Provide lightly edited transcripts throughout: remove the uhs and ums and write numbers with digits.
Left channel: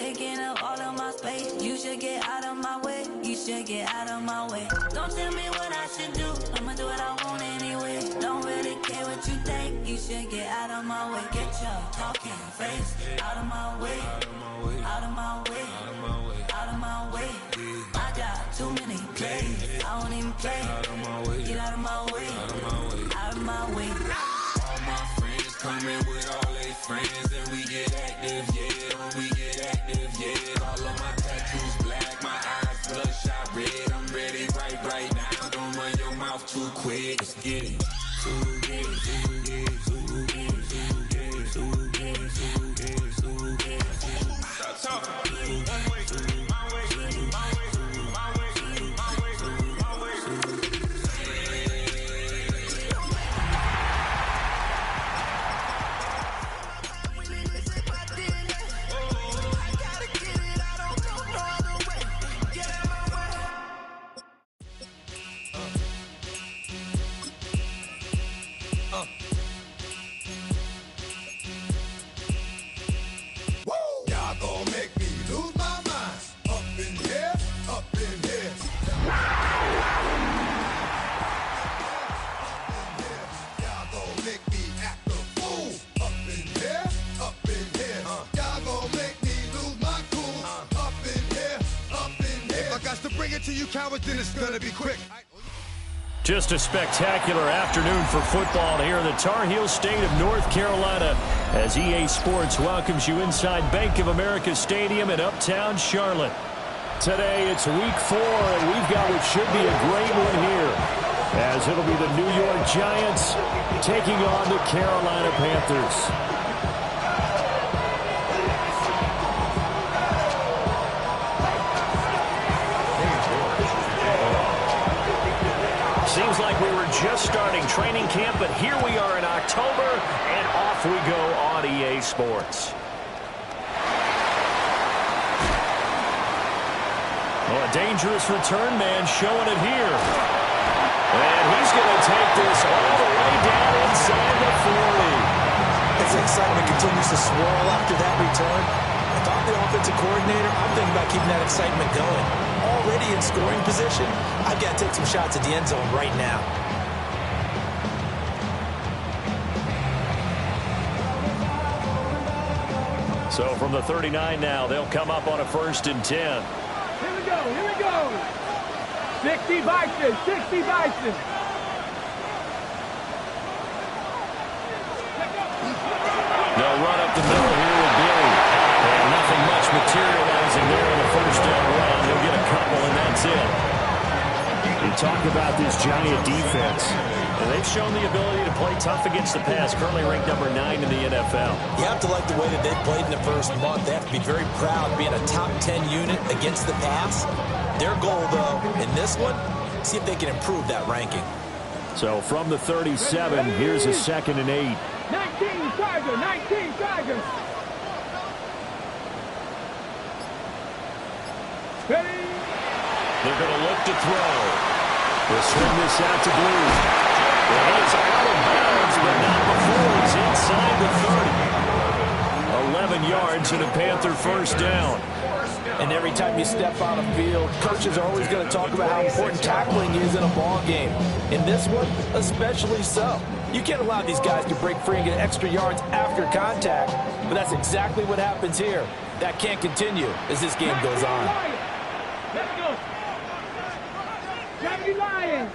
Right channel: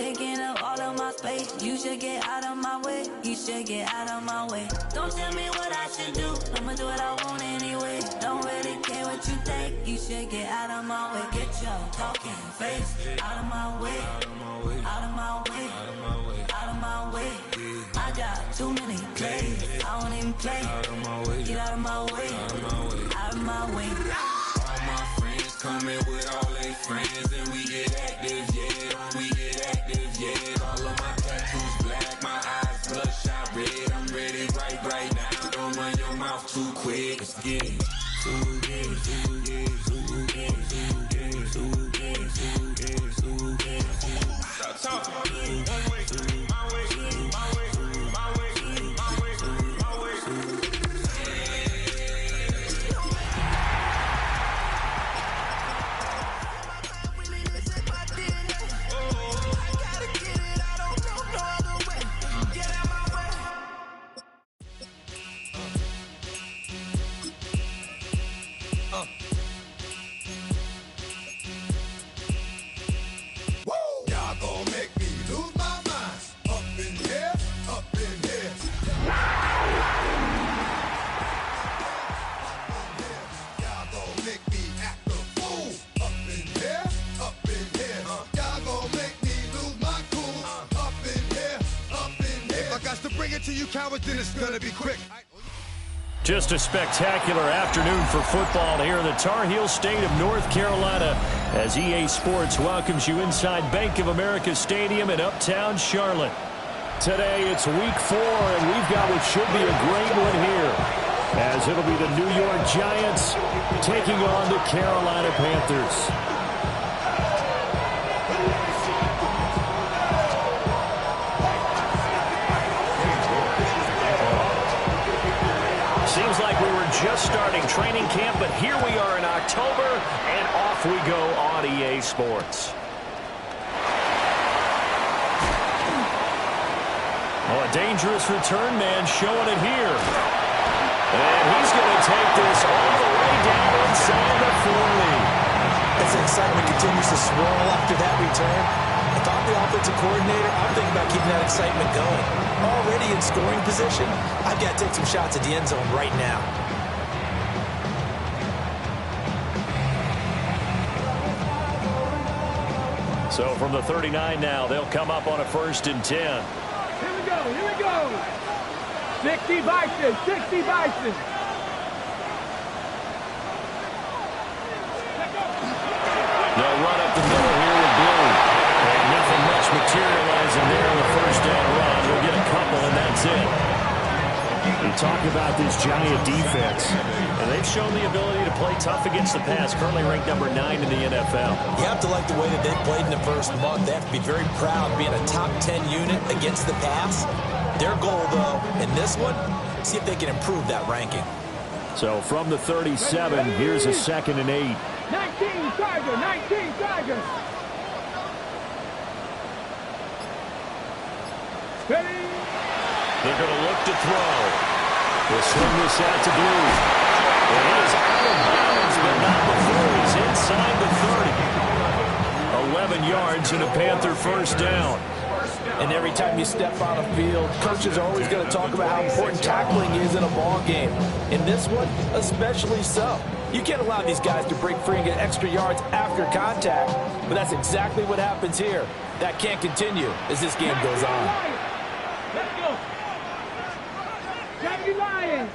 taking up all of my space. You should get out of my way. You should get out of my way. Don't tell me what I should do. I'ma do what I want anyway. Don't really care what you think. You should get out of my way. Get your talking face out of my way. Out of my way. Out of my way. Out of my way. Out of my way. I got too many plays. I won't even play. Out of my way. Get out of my way. Out of my way. Out of my way. All my friends coming with all their friends, and we get active, yeah. We get active, yeah. All of my tattoos black, my eyes bloodshot red. I'm ready right now. Don't run your mouth too quick. Let's get it. Stop talking. One way, my way, my way, my way, my way, my way. Then it's gonna be quick. Just a spectacular afternoon for football here in the Tar Heel state of North Carolina as EA Sports welcomes you inside Bank of America Stadium in uptown Charlotte. Today it's week 4 and we've got what should be a great one here as it'll be the New York Giants taking on the Carolina Panthers. Seems like we were just starting training camp, but here we are in October, and off we go on EA Sports. Oh, a dangerous return man showing it here. And he's going to take this all the way down inside the 40. As the excitement continues to swirl after that return, if I'm the offensive coordinator, I'm thinking about keeping that excitement going. Already in scoring position, I've got to take some shots at the end zone right now. So from the 39 now, they'll come up on a 1st and 10. Here we go, here we go. 60 Bison, 60 Bison. They'll run up the middle here with Blue. And nothing much materializing there on the 1st down run. He'll get a couple, and that's it. You talk about this Giant defense, and they've shown the ability to play tough against the pass, currently ranked number 9 in the NFL. You have to like the way that they've played in the first month. They have to be very proud being a top 10 unit against the pass. Their goal, though, in this one, see if they can improve that ranking. So from the 37, here's a 2nd and 8. 19 Tiger, 19 Tiger. Ready? They're going to look to throw. They'll swing this out to Blue. And he is out of bounds, but not before he's inside the 30. 11 yards and a Panther 1st down. And every time you step on a field, coaches are always going to talk about how important tackling is in a ball game. In this one, especially so. You can't allow these guys to break free and get extra yards after contact, but that's exactly what happens here. That can't continue as this game goes on. Let's go. Lions.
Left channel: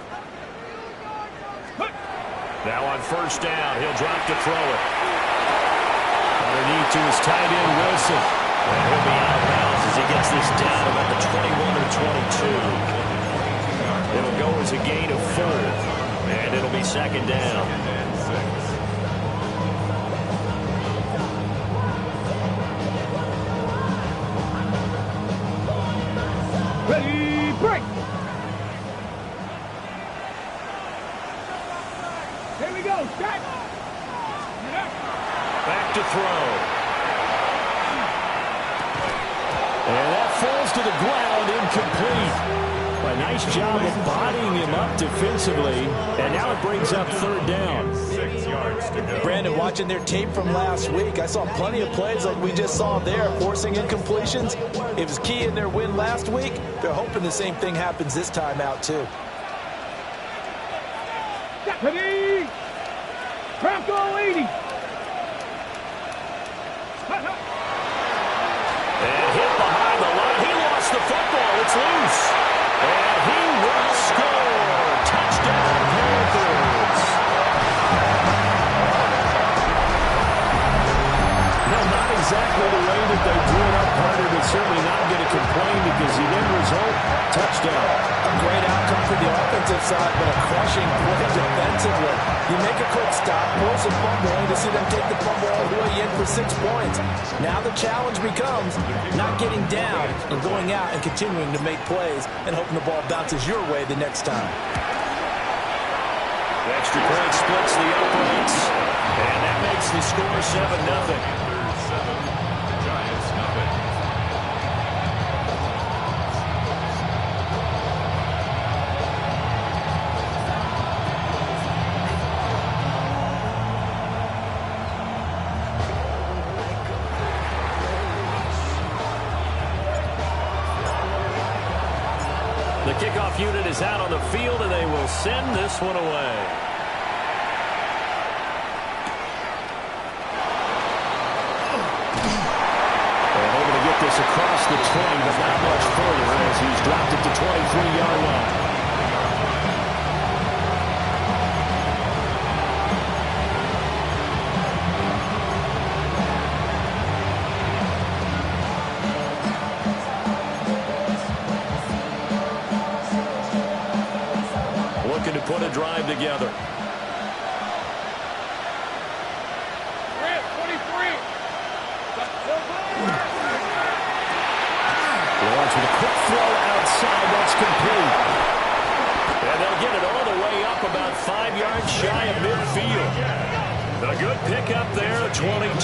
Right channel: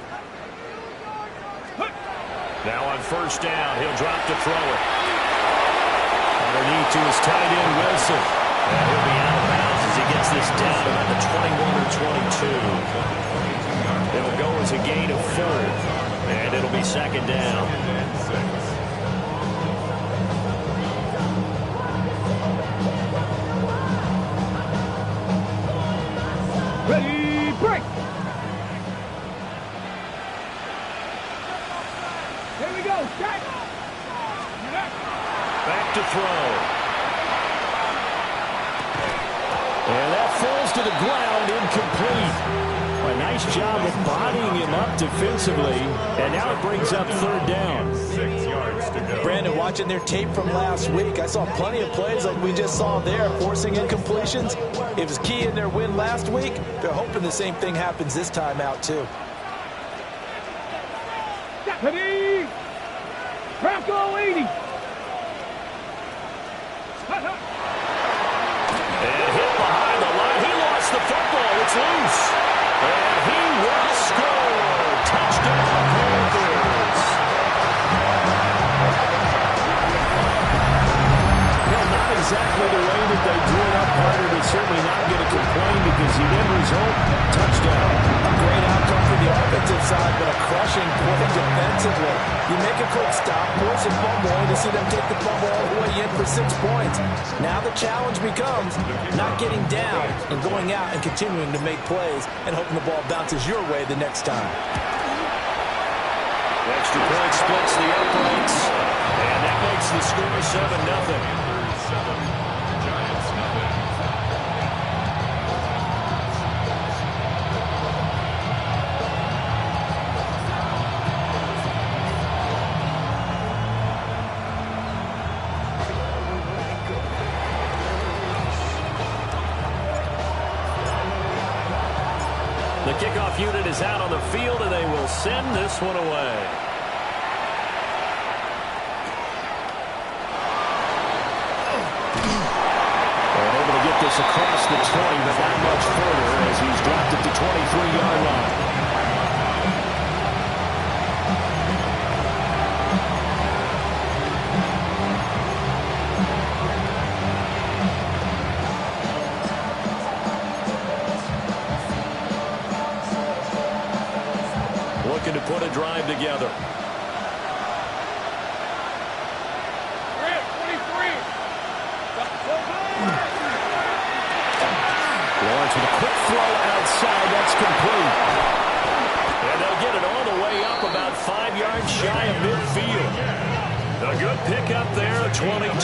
Now on 1st down, he'll drop to throw it. Underneath to his tight end, Wilson. And he'll be out of bounds as he gets this down about the 21 or 22. It'll go as a gain of 4. And it'll be 2nd down. Ready, break. Here we go, shot. Back to throw. And that falls to the ground, incomplete. A nice job of bodying him up defensively, and now it brings up third down. 6 yards to go. Brandon, watching their tape from last week, I saw plenty of plays like we just saw there, forcing incompletions. It was key in their win last week. They're hoping the same thing happens this time out, too. Deputy! Bronco 80! And hit behind the line. He lost the football. It's loose. And he will score. Touchdown, Panthers. No, not exactly the way that they drew it up, Carter, but certainly not going to complain because the end result, touchdown. A great outcome for the offensive side, but a crushing play defensively. You make a quick stop, force a fumble, only to see them take the fumble all the way in for 6 points. Now the challenge becomes not getting down and going out and continuing to make plays and hoping the ball bounces your way the next time. The extra point splits the uprights, and that makes the score 7-0. Panthers 7, Giants nothing. The kickoff unit is out on the field, and they will send this one away. And able to get this across the 20, but not much further as he's dropped it to 23-yard line. Looking to put a drive together. Lawrence with a quick throw outside. That's complete. And they'll get it all the way up about 5 yards shy of midfield. A good pickup there, 22.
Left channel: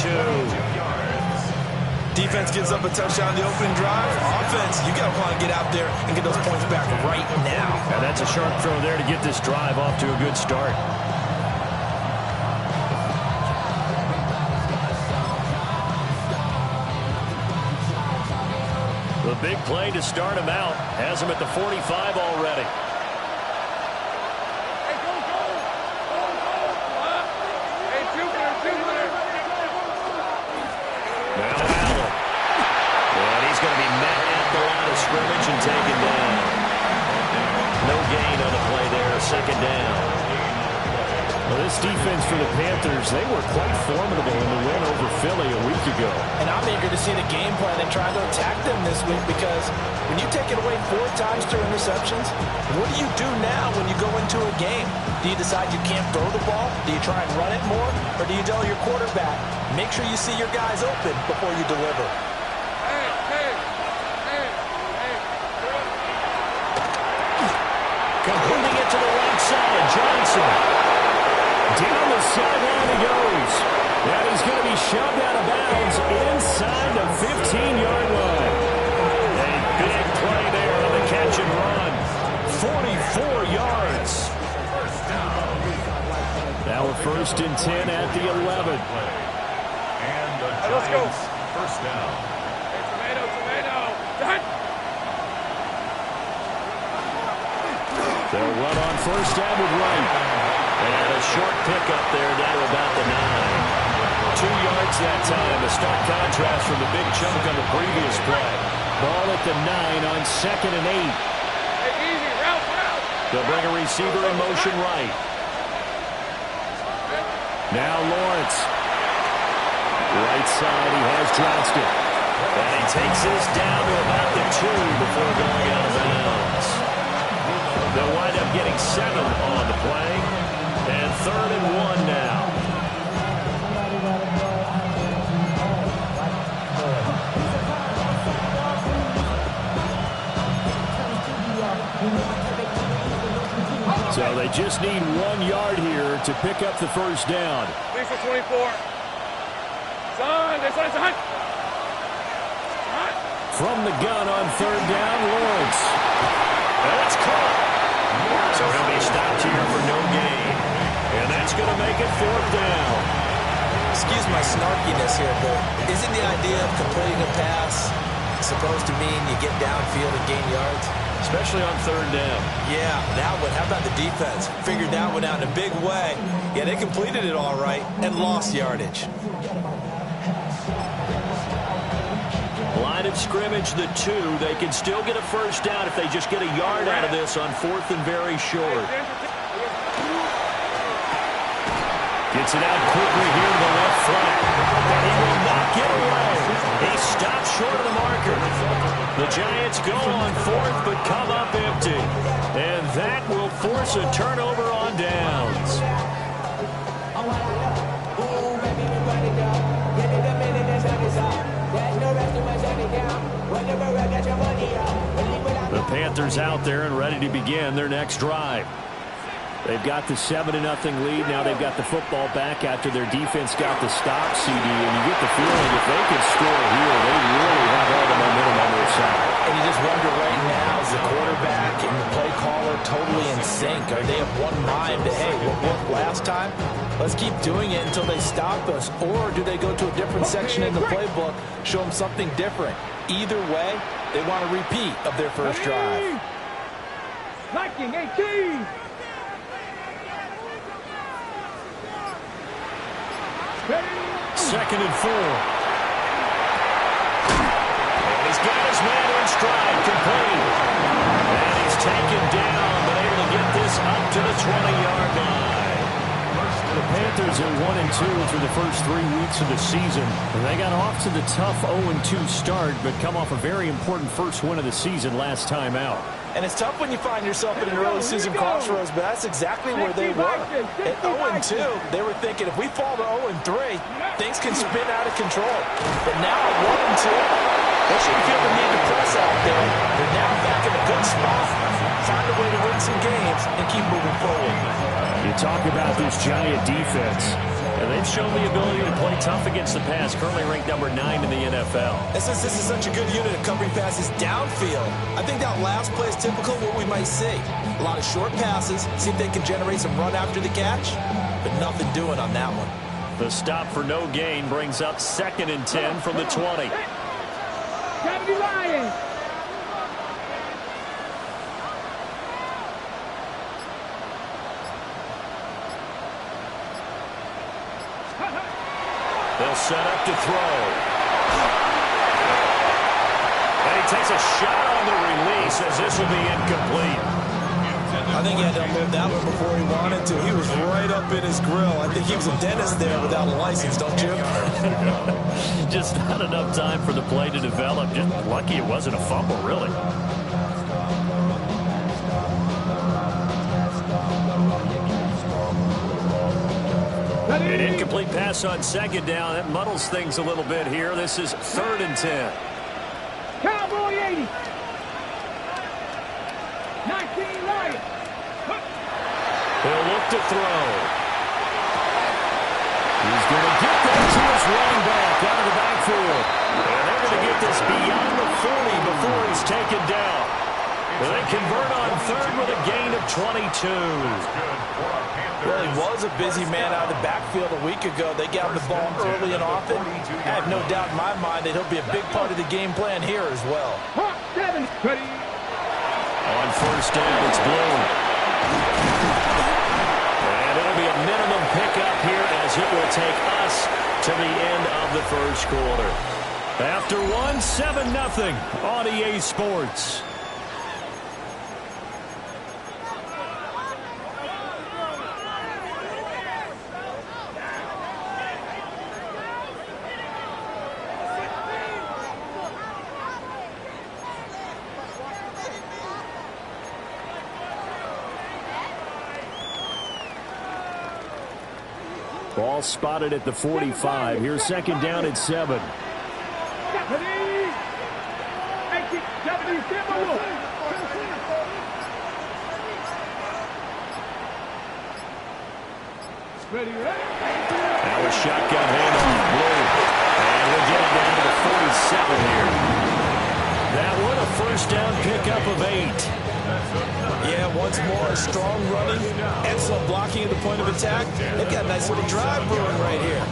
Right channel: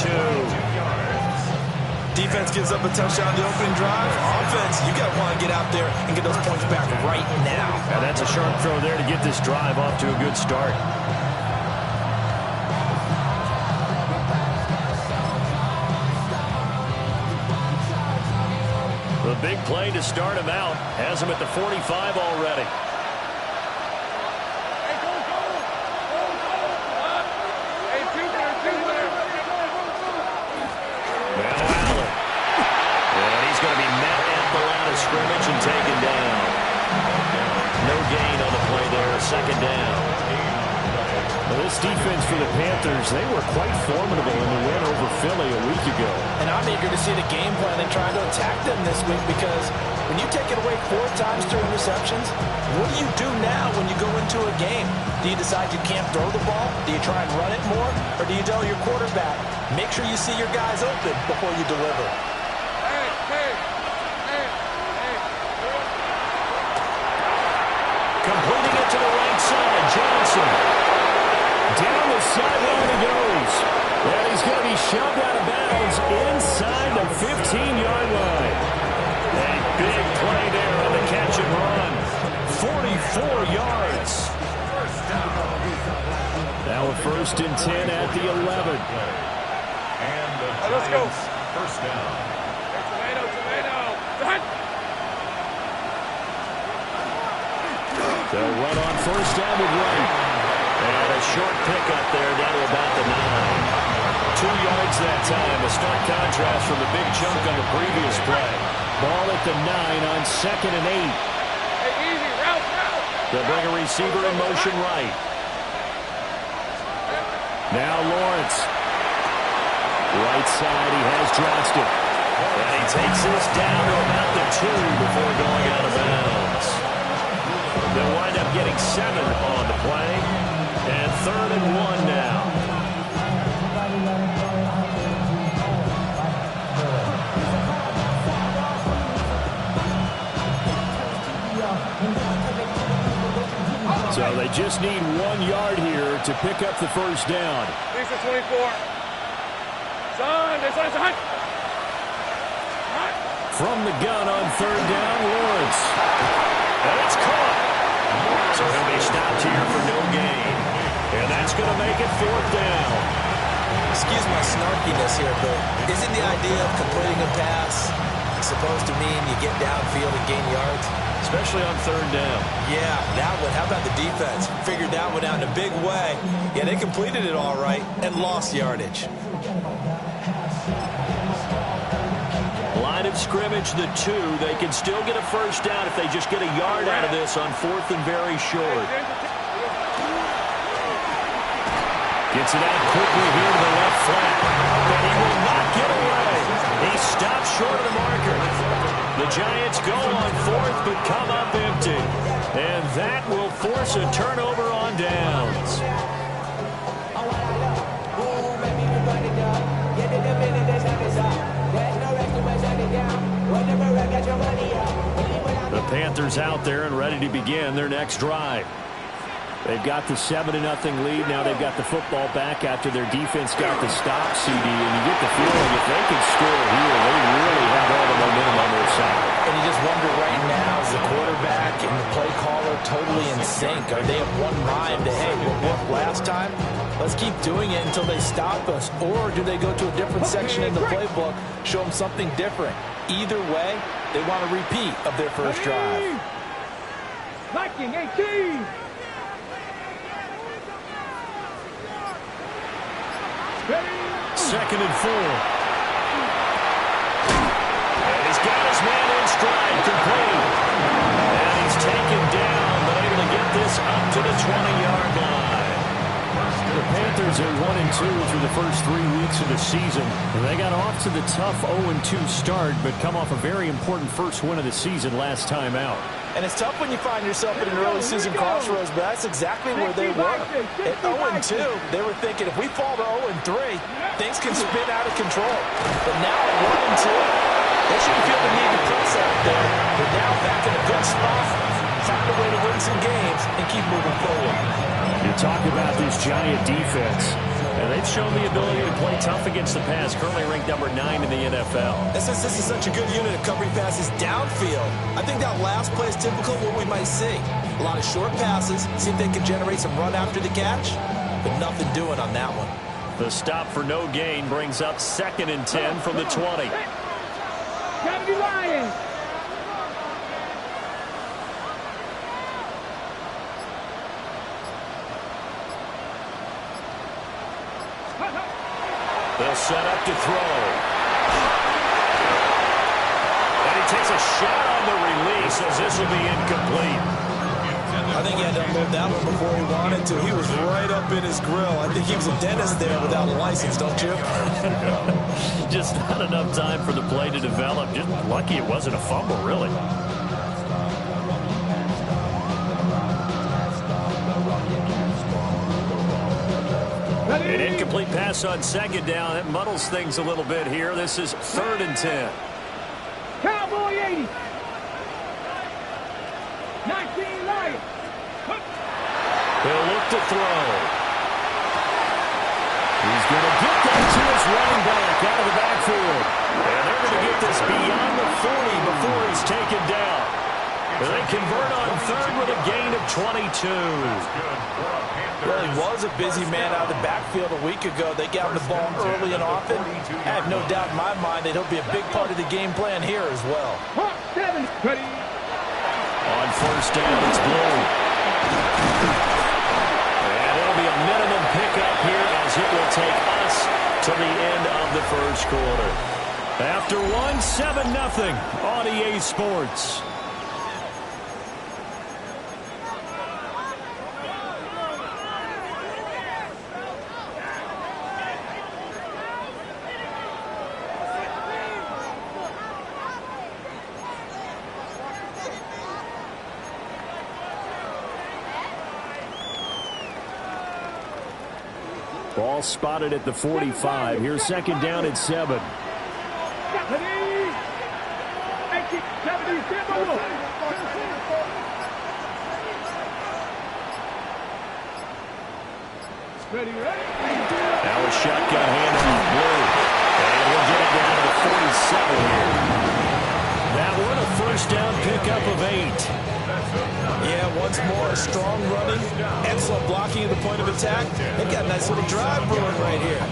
Defense gives up a touchdown the opening drive. Offense, you got to want to get out there and get those points back right now. And that's a sharp throw there to get this drive off to a good start. The big play to start him out has him at the 45 already. Now Allen. And he's going to be met at the line of scrimmage and taken down. No gain on the play there, second down. Well, this defense for the Panthers, they were quite formidable in the win over Philly a week ago. And I'm eager to see the game plan and trying to attack them this week because when you take it away 4 times through interceptions, what do you do now when you go into a game? Do you decide you can't throw the ball? Do you try and run it more? Or do you tell your quarterback, make sure you see your guys open before you deliver? Completing it to the right side, Johnson. Down the sideline he goes. And he's going to be shoved out of bounds inside the 15-yard line. A big play there on the catch and run. 44 yards. Now a 1st and 10 at the 11. And the Giants first down. They'll run on 1st down with Wright. And a short pickup there down to about the 9. 2 yards that time. A stark contrast from the big chunk on the previous play. Ball at the 9 on 2nd and 8. They'll bring a receiver in motion right. Now Lawrence. Right side, he has Johnston. And he takes this down to about the 2 before going out of bounds. They'll wind up getting 7 on the play. And 3rd and 1 now. So they just need 1 yard here to pick up the 1st down. 24. Son. From the gun on 3rd down, Lawrence. And it's caught. So he'll be stopped here for no gain. And that's going to make it 4th down. Excuse my snarkiness here, but isn't the idea of completing a pass supposed to mean you get downfield and gain yards? Especially on 3rd down. Yeah, that one. How about the defense? Figured that one out in a big way. Yeah, they completed it all right and lost yardage. Line of scrimmage, the 2. They can still get a 1st down if they just get a yard out of this on 4th and very short. Gets it out quickly here to the left flat. And he will not get away. He stops short of the marker. The Giants go on 4th but come up empty. And that will force a turnover on downs. The Panthers out there and ready to begin their next drive. They've got the 7-0 lead. Now they've got the football back after their defense got the stop, CD. And you get the feeling if they can score here, they really have all the momentum on their side. And you just wonder right now, is the quarterback and the play caller totally in sync? Are they of one mind that, hey, what worked last time? Let's keep doing it until they stop us. Or do they go to a different section in the playbook, show them something different? Either way, they want a repeat of their first drive. Liking 18. Second and 4. And he's got his man in stride, complete. And he's taken down, but able to get this up to the 20-yard line. The Panthers are 1-2 through the first 3 weeks of the season. And they got off to the tough 0-2 start, but come off a very important first win of the season last time out. And it's tough when you find yourself in an early season crossroads, but that's exactly where they were. At 0-2, they were thinking if we fall to 0-3, things can spin out of control. But now at 1-2, they shouldn't feel the need to press out there. They're now back in a good spot, find a way to win some games, and keep moving forward. You talk about this Giant defense. And they've shown the ability to play tough against the pass, currently ranked number 9 in the NFL. And since this is such a good unit of covering passes downfield, I think that last play is typical of what we might see. A lot of short passes, see if they can generate some run after the catch, but nothing doing on that one. The stop for no gain brings up 2nd and 10 from the 20. Kennedy Lions. They'll set up to throw. And he takes a shot on the release as this will be incomplete. I think he had to unload that one before he wanted to. He was right up in his grill. I think he was a dentist there without a license, don't you? Just not enough time for the play to develop. Just lucky it wasn't a fumble, really. An incomplete pass on 2nd down. That muddles things a little bit here. This is 3rd and 10. Cowboy 80. 19 Lions. He'll look to throw. He's going to get that to his running back out of the backfield. And they're going to get this beyond the 40 before he's taken down. They convert on 3rd with a gain of 22. Well, he was a busy man out of the backfield a week ago. They got him the ball early and often. I have no doubt in my mind that he'll be a big part of the game plan here as well. 7. Ready. On 1st down, it's Blue. And it'll be a minimum pickup here as it will take us to the end of the first quarter. After 7-0 on EA Sports. Ball spotted at the 45. Here's 2nd down at 7. Now a shotgun handoff, Blue. And we'll get it down to the 47 here. That one, a first down pickup of 8. Yeah, once more, strong running, excellent blocking at the point of attack. They've got a nice little drive brewing right here.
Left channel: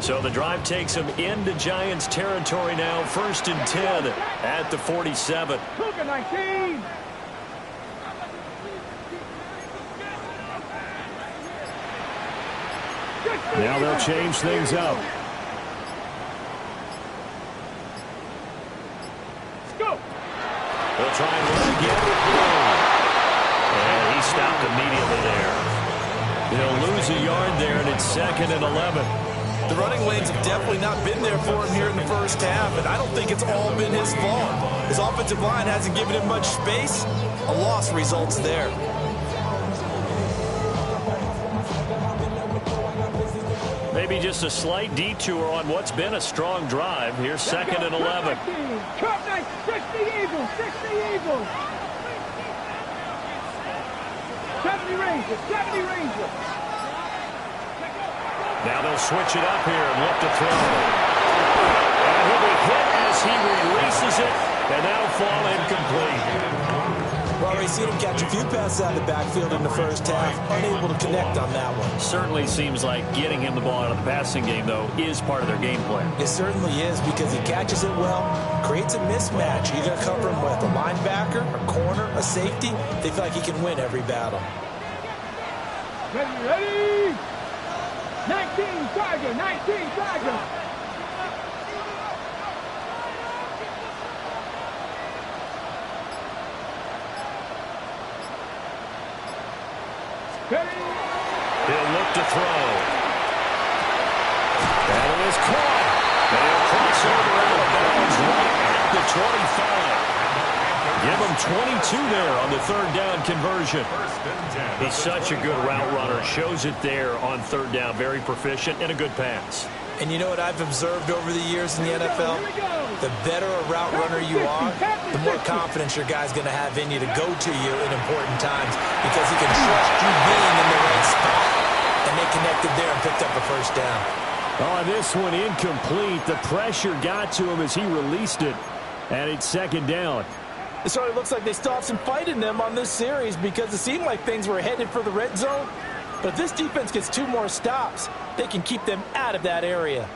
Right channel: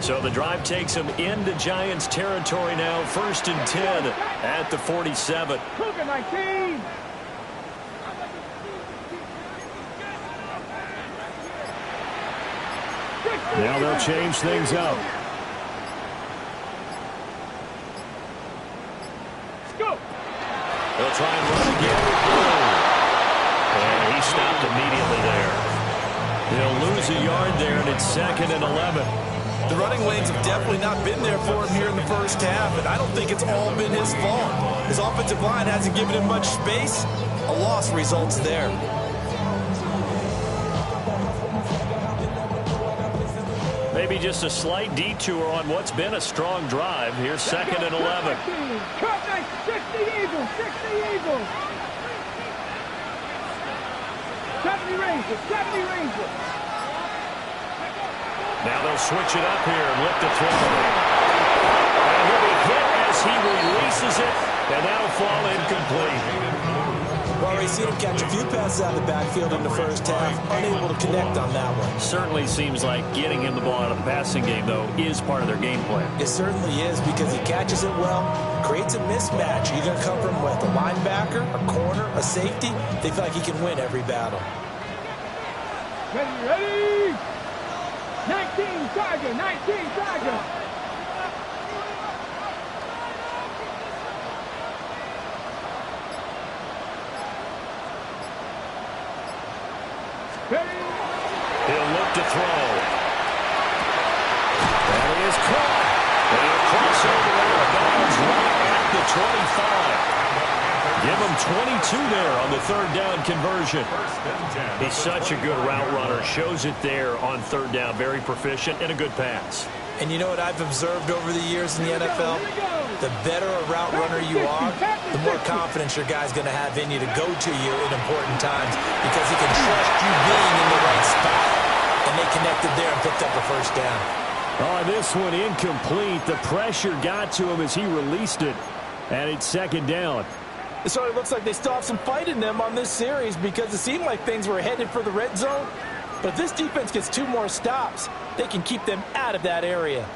So the drive takes them into Giants territory now, 1st and 10 at the 47. Cougar 19. Now they'll change things up. Go. They'll try and run again with Blue. And he stopped immediately there. He'll lose a yard there, and it's 2nd and 11. The running lanes have definitely not been there for him here in the first half, and I don't think it's all been his fault. His offensive line hasn't given him much space. A loss results there. Maybe just a slight detour on what's been a strong drive. Here's 2nd and 11. Cut 60 Eagles, 60 Eagles. 70 Rangers, 70 Rangers. Now they'll switch it up here and look to throw. And he'll be hit as he releases it, and that'll fall incomplete. Well, we've seen him catch a few passes out of the backfield in the first half, unable to connect on that one. Certainly seems like getting him the ball out of the passing game, though, is part of their game plan. It certainly is, because he catches it well, creates a mismatch. You're going to cover him with a linebacker, a corner, a safety. They feel like he can win every battle. Ready, ready. 19 Tiger, 19 Tiger. He'll look to throw. That is caught. And he'll cross over out of bounds right at the 25. Give him 22 there on the 3rd down conversion. He's such a good route runner. Shows it there on 3rd down. Very proficient and a good pass. And you know what I've observed over the years in the NFL? The better a route runner you are, the more confidence your guy's going to have in you to go to you in important times, because he can trust you being in the right spot. And they connected there and picked up a first down. Oh, this one incomplete. The pressure got to him as he released it. And it's 2nd down. It certainly looks like they still have some fight in them on this series, because it seemed like things were headed for the red zone. But if this defense gets 2 more stops, they can keep them out of that area.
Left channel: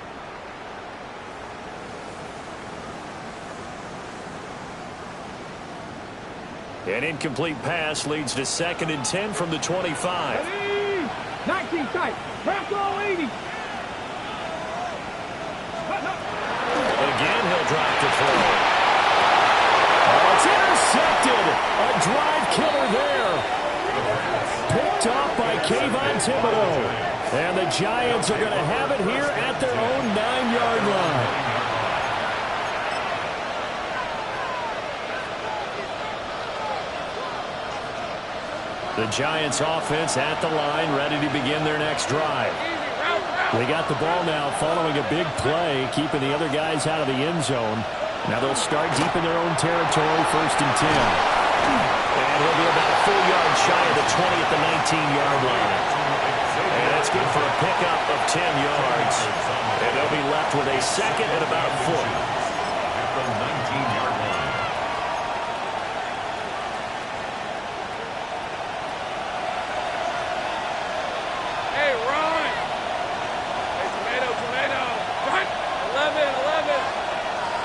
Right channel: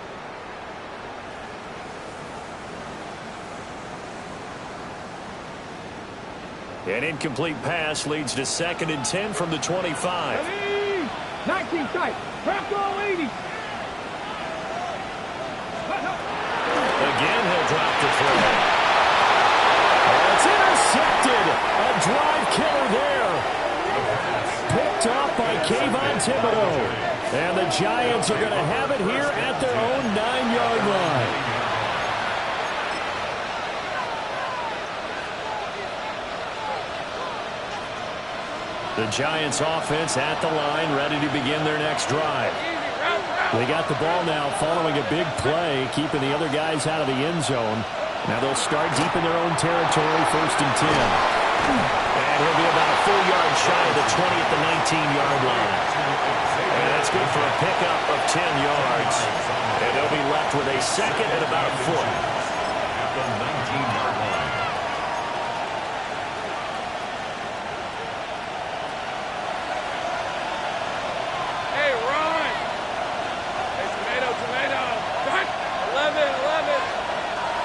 An incomplete pass leads to 2nd and 10 from the 25. 19 tight. Crack all 80. Again, he'll drop the throw. Oh, it's intercepted. A drive killer there. Picked off by Kayvon Thibodeau. And the Giants are going to have it here at their own 9-yard line. The Giants offense at the line, ready to begin their next drive. They got the ball now following a big play, keeping the other guys out of the end zone. Now they'll start deep in their own territory, 1st and 10. And he'll be about a full yard shy of the 20 at the 19-yard line. And that's good for a pickup of 10 yards. And they'll be left with a 2nd and about a foot. At the 19-yard line. Hey, Ron. Hey, tomato. Gun. 11.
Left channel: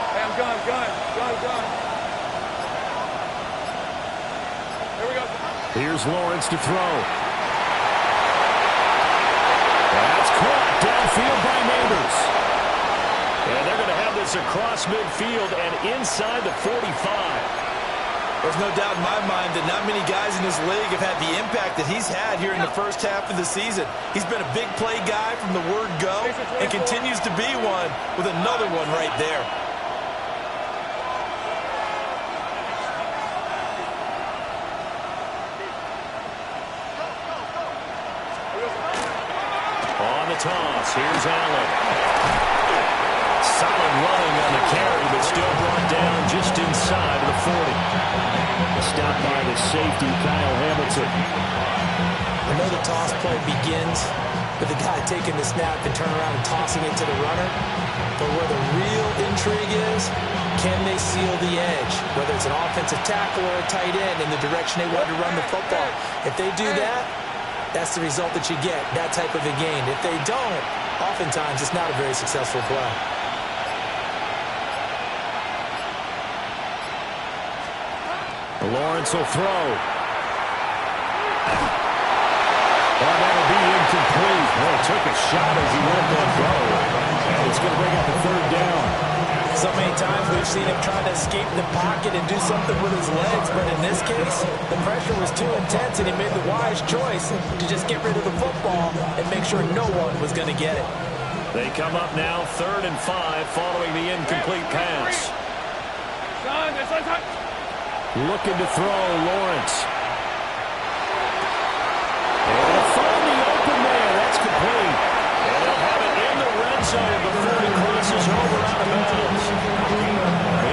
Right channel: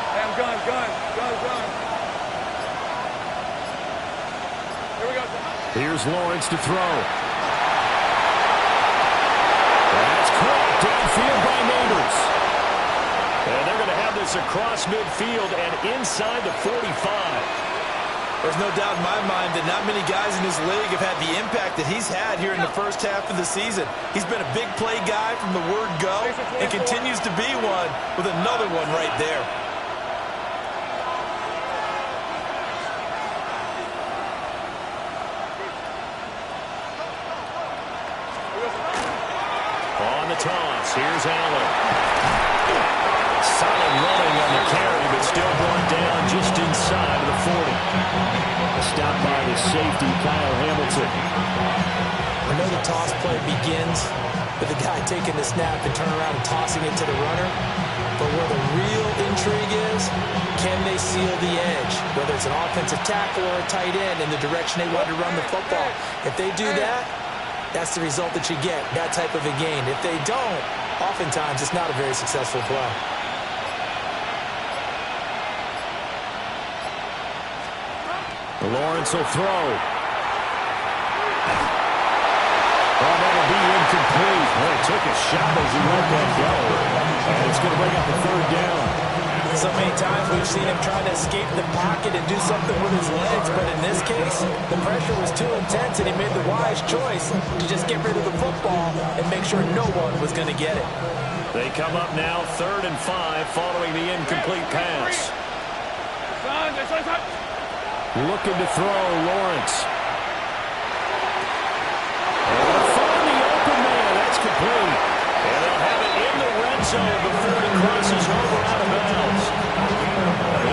Hey, I'm gun. Here we go. Here's Lawrence to throw. That's caught downfield by Neighbors. And they're going to have this across midfield and inside the 45. There's no doubt in my mind that not many guys in this league have had the impact that he's had here in the first half of the season. He's been a big play guy from the word go and continues to be one with another one right there. On the toss, here's Allen. Solid running on the carry, but still brought down just inside of the 40. Stopped by the safety, Kyle Hamilton. I know the toss play begins with the guy taking the snap and turning around and tossing it to the runner. But where the real intrigue is, can they seal the edge, whether it's an offensive tackle or a tight end in the direction they want to run the football? If they do that, that's the result that you get, that type of a gain. If they don't, oftentimes it's not a very successful play. Lawrence will throw. Oh, that'll be incomplete. Well, he took a shot as he let that go. And it's going to bring up a third down. So many times we've seen him trying to escape the pocket and do something with his legs, but in this case, the pressure was too intense and he made the wise choice to just get rid of the football and make sure no one was going to get it. They come up now 3rd and 5 following the incomplete pass. Looking to throw, Lawrence. Able to find the open man. That's complete. And they'll have it in the red zone before he crosses over out of bounds.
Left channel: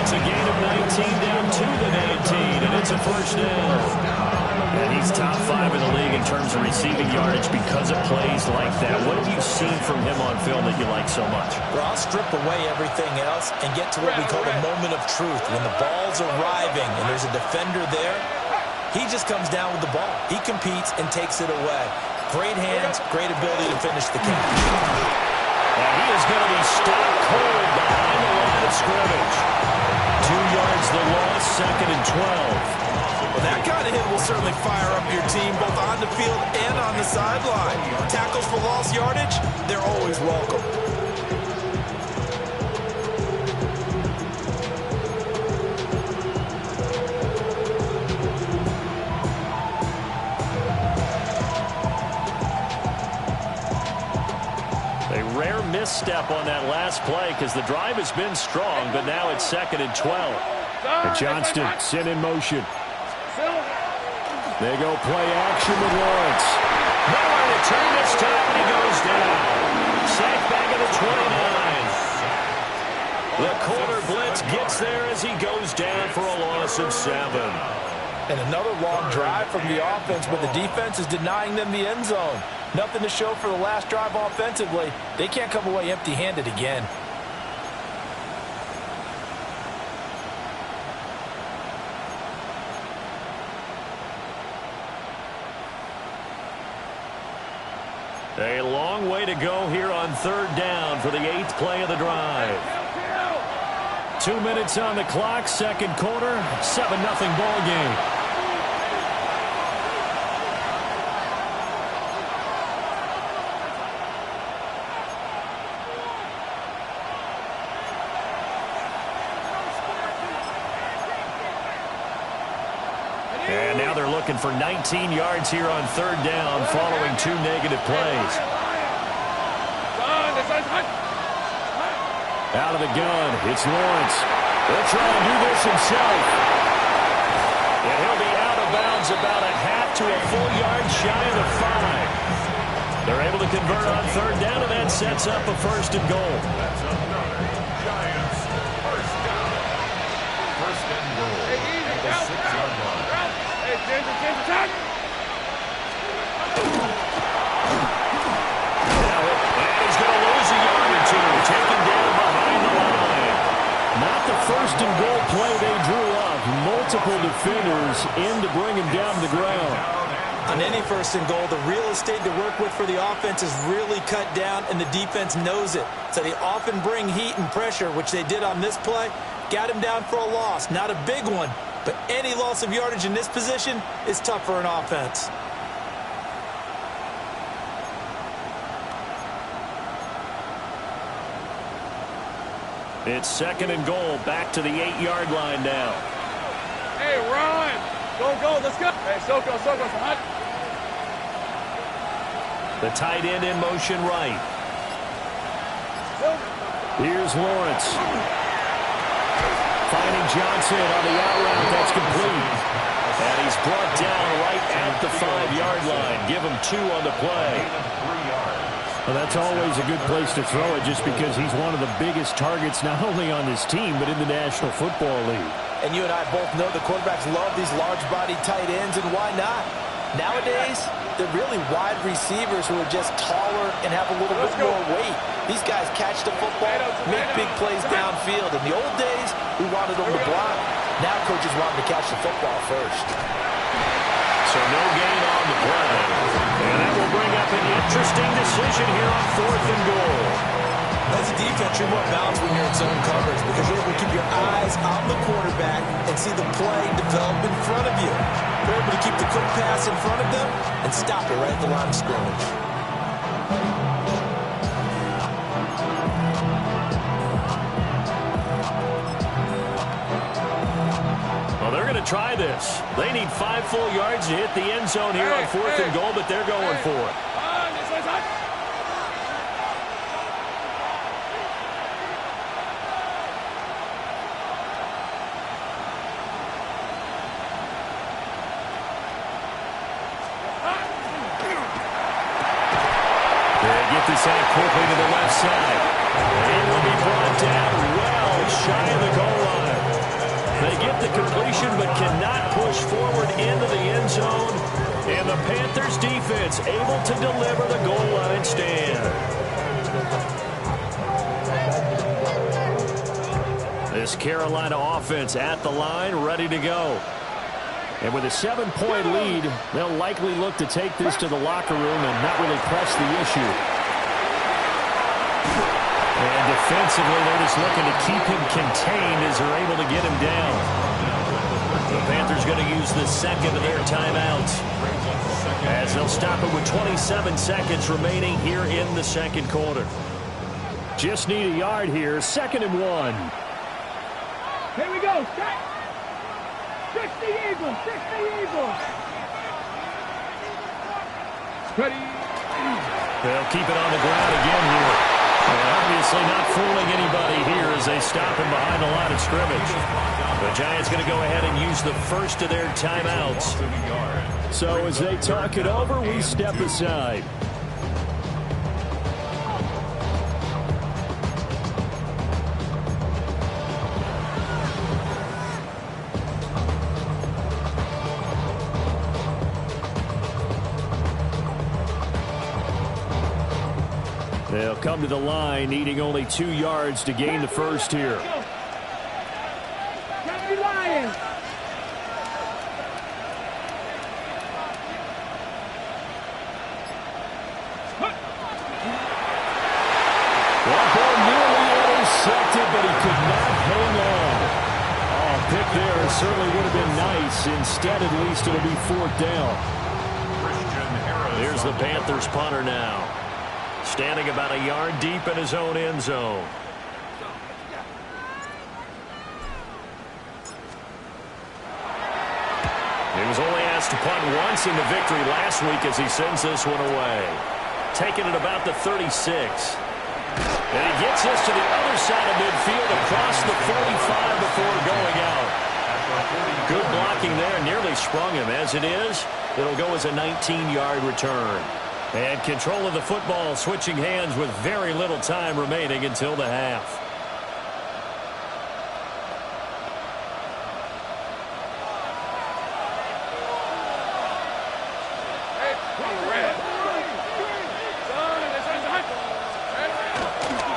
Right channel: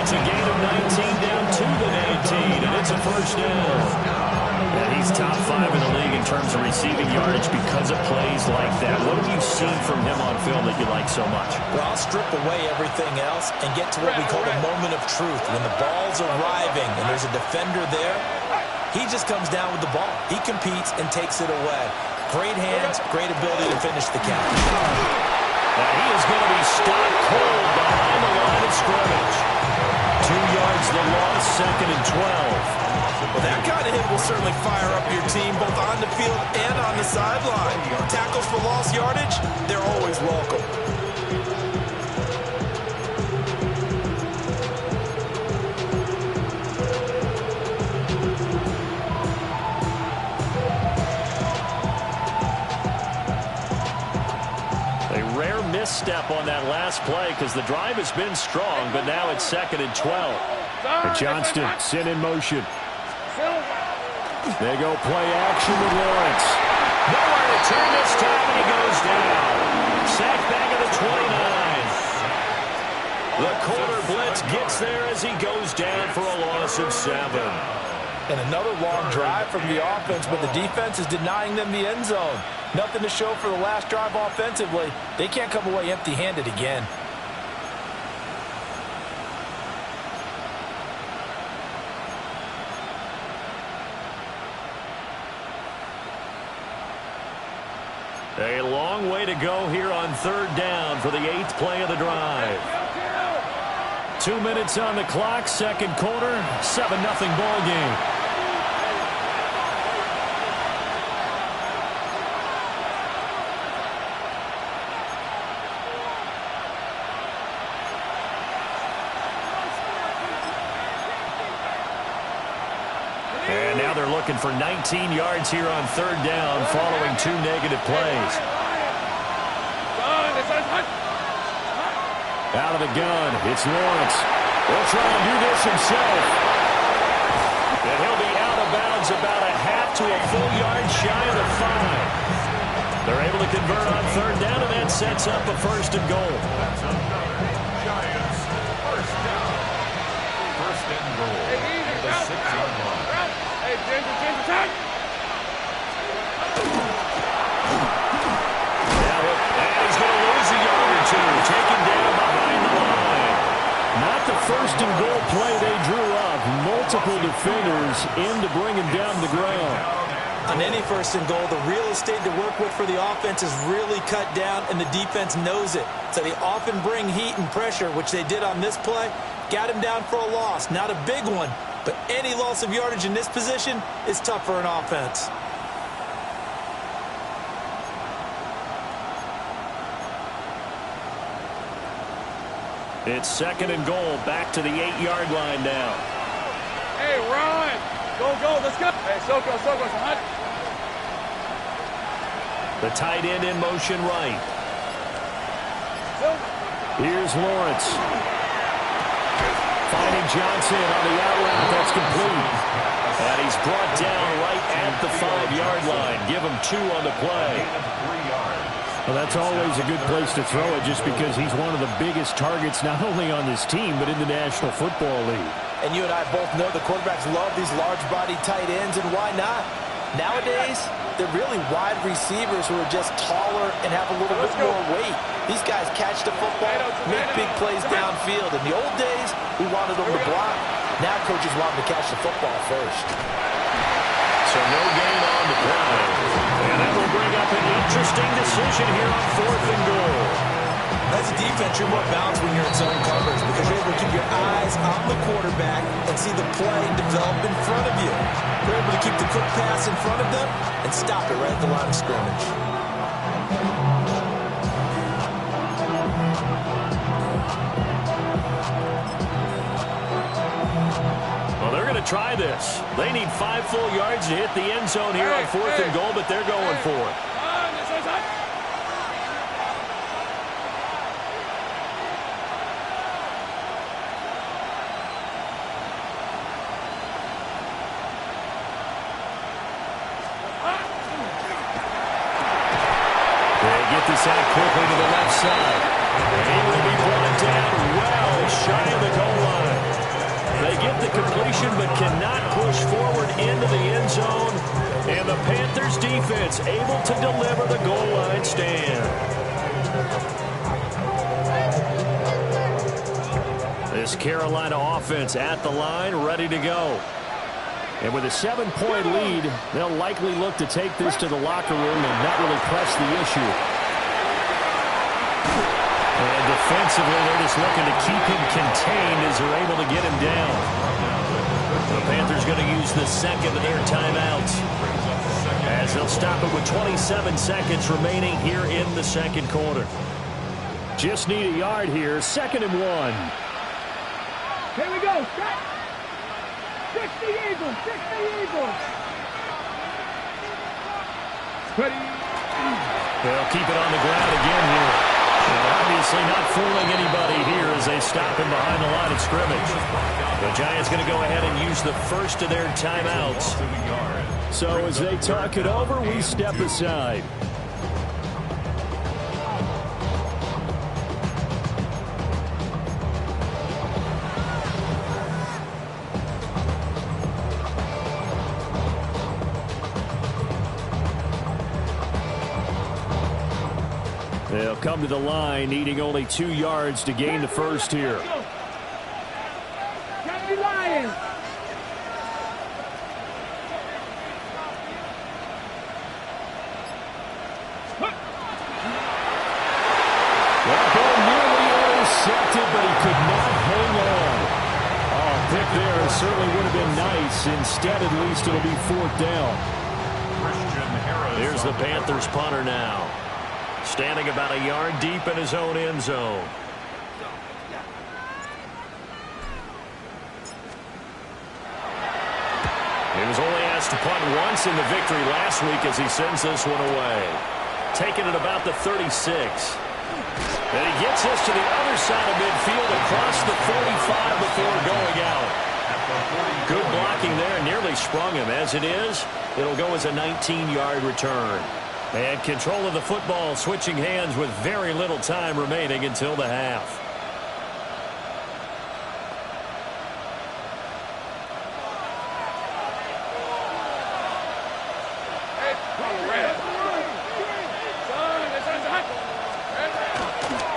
It's a gain of 19 down to the 19, and it's a first down. And he's top 5 in the league in terms of receiving yardage because of plays like that. What have you seen from him on film that you like so much? Well, I'll strip away everything else and get to what we call the moment of truth. When the ball's arriving and there's a defender there, he just comes down with the ball. He competes and takes it away. Great hands, great ability to finish the catch. Now he is going to be stopped cold behind the line of scrimmage. 2 yards the loss, 2nd and 12. Well, that kind of hit will certainly fire up your team, both on the field and on the sideline. Tackles for lost yardage, they're always welcome. A rare misstep on that last play because the drive has been strong, but now it's 2nd and 12. And Johnston sent in motion. They go play action with Lawrence. Nowhere to turn this time, and he goes down. Sacked back at the 29. The corner blitz gets there as he goes down for a loss of 7. And another long drive from the offense, but the defense is denying them the end zone. Nothing to show for the last drive offensively. They can't come away empty-handed again. A long way to go here on 3rd down for the 8th play of the drive. 2 minutes on the clock, 2nd quarter, 7-0 ball game. And now they're looking for 19 yards here on 3rd down following 2 negative plays. Out of the gun, it's Lawrence. He'll try and do this himself. And he'll be out of bounds about a half to a full yard shy of the 5. They're able to convert on 3rd down, and that sets up a 1st and goal. That's another Giants first down. 1st and goal at the 6-yard line. Hey, Ginger, attack! And he's going to lose a yard or 2, taken down behind the line. Not the 1st and goal play they drew up. Multiple defenders in to bring him down to the ground. On any 1st and goal, the real estate to work with for the offense is really cut down, and the defense knows it. So they often bring heat and pressure, which they did on this play. Got him down for a loss. Not a big one, but any loss of yardage in this position is tough for an offense. It's 2nd and goal, back to the 8-yard line now. Hey, Ron! Go, let's go! Hey, Soko, it's hot. The tight end in motion right. Here's Lawrence. Finding Johnson on the out route. That's complete. And he's brought down right at the 5-yard line. Give him 2 on the play. Well, that's always a good place to throw it just because he's one of the biggest targets not only on this team but in the National Football League. And you and I both know the quarterbacks love these large-bodied tight ends, and why not? Nowadays, They're really wide receivers who are just taller and have a little bit more weight. These guys catch the football, make big plays downfield. In the old days, we wanted them to block. Now coaches want them to catch the football first. So no gain on the play. And that will bring up an interesting decision here on 4th and goal. As a defense, you're more balanced when you're in zone coverage because you're able to keep your eyes on the quarterback and see the play develop in front of you. You're able to keep the quick pass in front of them and stop it right at the line of scrimmage. Well, they're going to try this. They need 5 full yards to hit the end zone here on 4th and goal, but they're going for it. This out quickly to the left side. He will be brought down well shy of the goal line. They get the completion but cannot push forward into the end zone. And the Panthers defense able to deliver the goal line stand. This Carolina offense at the line, ready to go. And with a 7-point lead, they'll likely look to take this to the locker room and not really press the issue. And defensively, they're just looking to keep him contained as they're able to get him down. The Panthers going to use the second of their timeouts as they'll stop it with 27 seconds remaining here in the second quarter. Just need a yard here, 2nd and 1. Here we go. Strike. 60 Eagles. 60 Eagles. Ready. They'll keep it on the ground again here. And obviously not fooling anybody here as they stop him behind the line of scrimmage. The Giants going to go ahead and use the first of their timeouts. So as they talk it over, we step aside. They'll come to the line, needing only 2 yards to gain the first here. County Lions. That ball nearly intercepted, but he could not hang on. Oh, pick there certainly would have been nice. Instead, at least it'll be 4th down. Here's the Panthers punter now. Standing about a yard deep in his own end zone. He was only asked to punt once in the victory last week as he sends this one away. Taking it about the 36. And he gets this to the other side of midfield across the 45 before going out. Good blocking there, nearly sprung him. As it is, it'll go as a 19-yard return. And control of the football switching hands with very little time remaining until the half.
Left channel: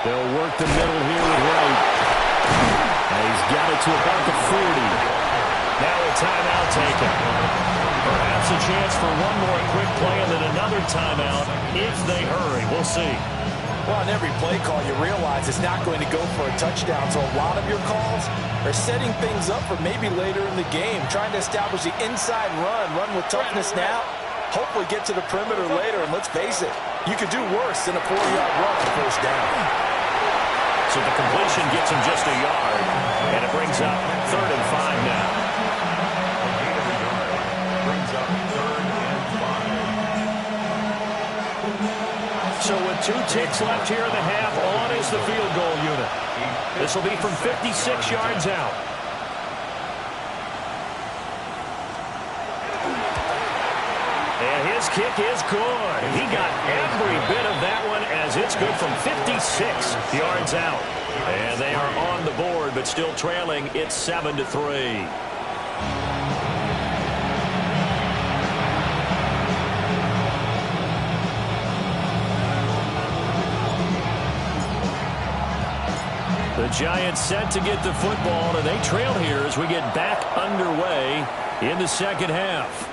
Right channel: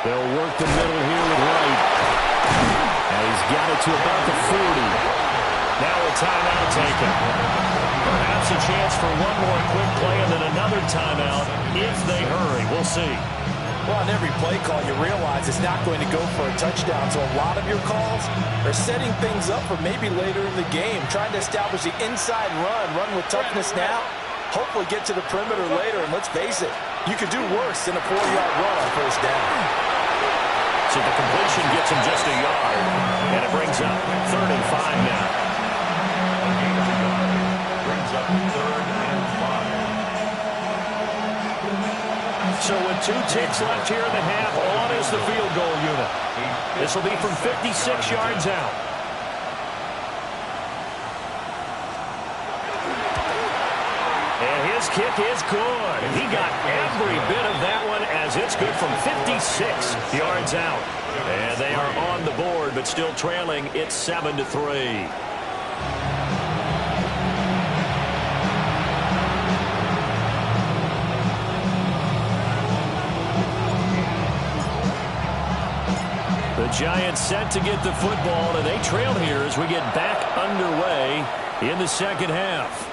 They'll work the middle here with Wright. And he's got it to about the 40. Now a timeout taken. Perhaps a chance for one more quick play and then another timeout if they hurry. We'll see. Well, on every play call, you realize it's not going to go for a touchdown. So a lot of your calls are setting things up for maybe later in the game, trying to establish the inside run with toughness now, hopefully get to the perimeter later. And let's face it, you could do worse than a 4-yard run on first down. So the completion gets him just a yard, and it brings up 3rd and 5 now. A gain of a yard brings up 3rd and 5. So with 2 ticks left here in the half, on is the field goal unit. This will be from 56 yards out. And his kick is good. He got every bit of that one as it's good from 56 yards out. And they are on the board, but still trailing. It's 7-3. The Giants set to get the football, and they trail here as we get back underway in the second half.